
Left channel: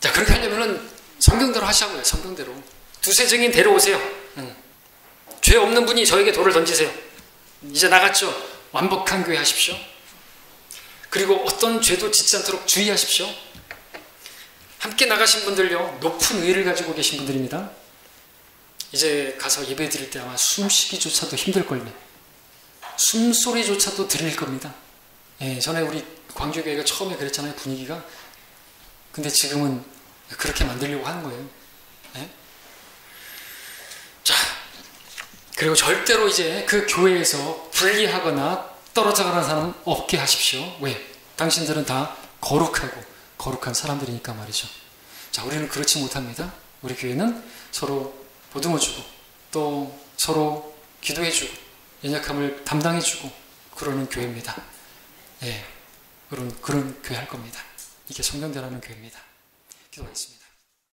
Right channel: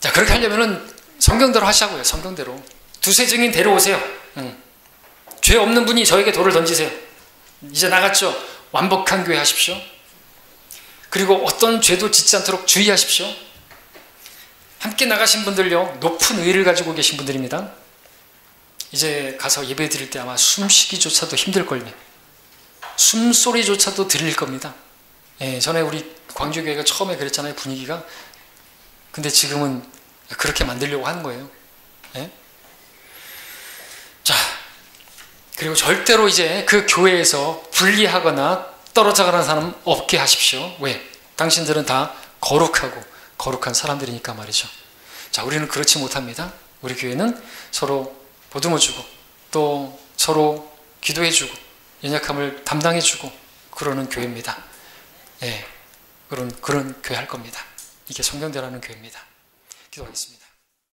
자, 그렇게 하려면은 성경대로 하시자고요, 성경대로. 두세 증인 데려오세요. 죄 없는 분이 저에게 돌을 던지세요. 이제 나갔죠? 완벽한 교회 하십시오. 그리고 어떤 죄도 짓지 않도록 주의하십시오. 함께 나가신 분들요, 높은 의를 가지고 계신 분들입니다. 이제 가서 예배 드릴 때 아마 숨쉬기조차도 힘들걸요. 숨소리조차도 들릴 겁니다. 예, 전에 우리 광주교회가 처음에 그랬잖아요, 분위기가. 근데 지금은 그렇게 만들려고 하는 거예요. 예? 자, 그리고 절대로 이제 그 교회에서 분리하거나 떨어져가는 사람 없게 하십시오. 왜? 당신들은 다 거룩하고 거룩한 사람들이니까 말이죠. 자, 우리는 그렇지 못합니다. 우리 교회는 서로 보듬어주고 또 서로 기도해주고 연약함을 담당해주고 그러는 교회입니다. 예, 그런 교회 할 겁니다. 이게 성경대로 하는 교회입니다. 기도하겠습니다.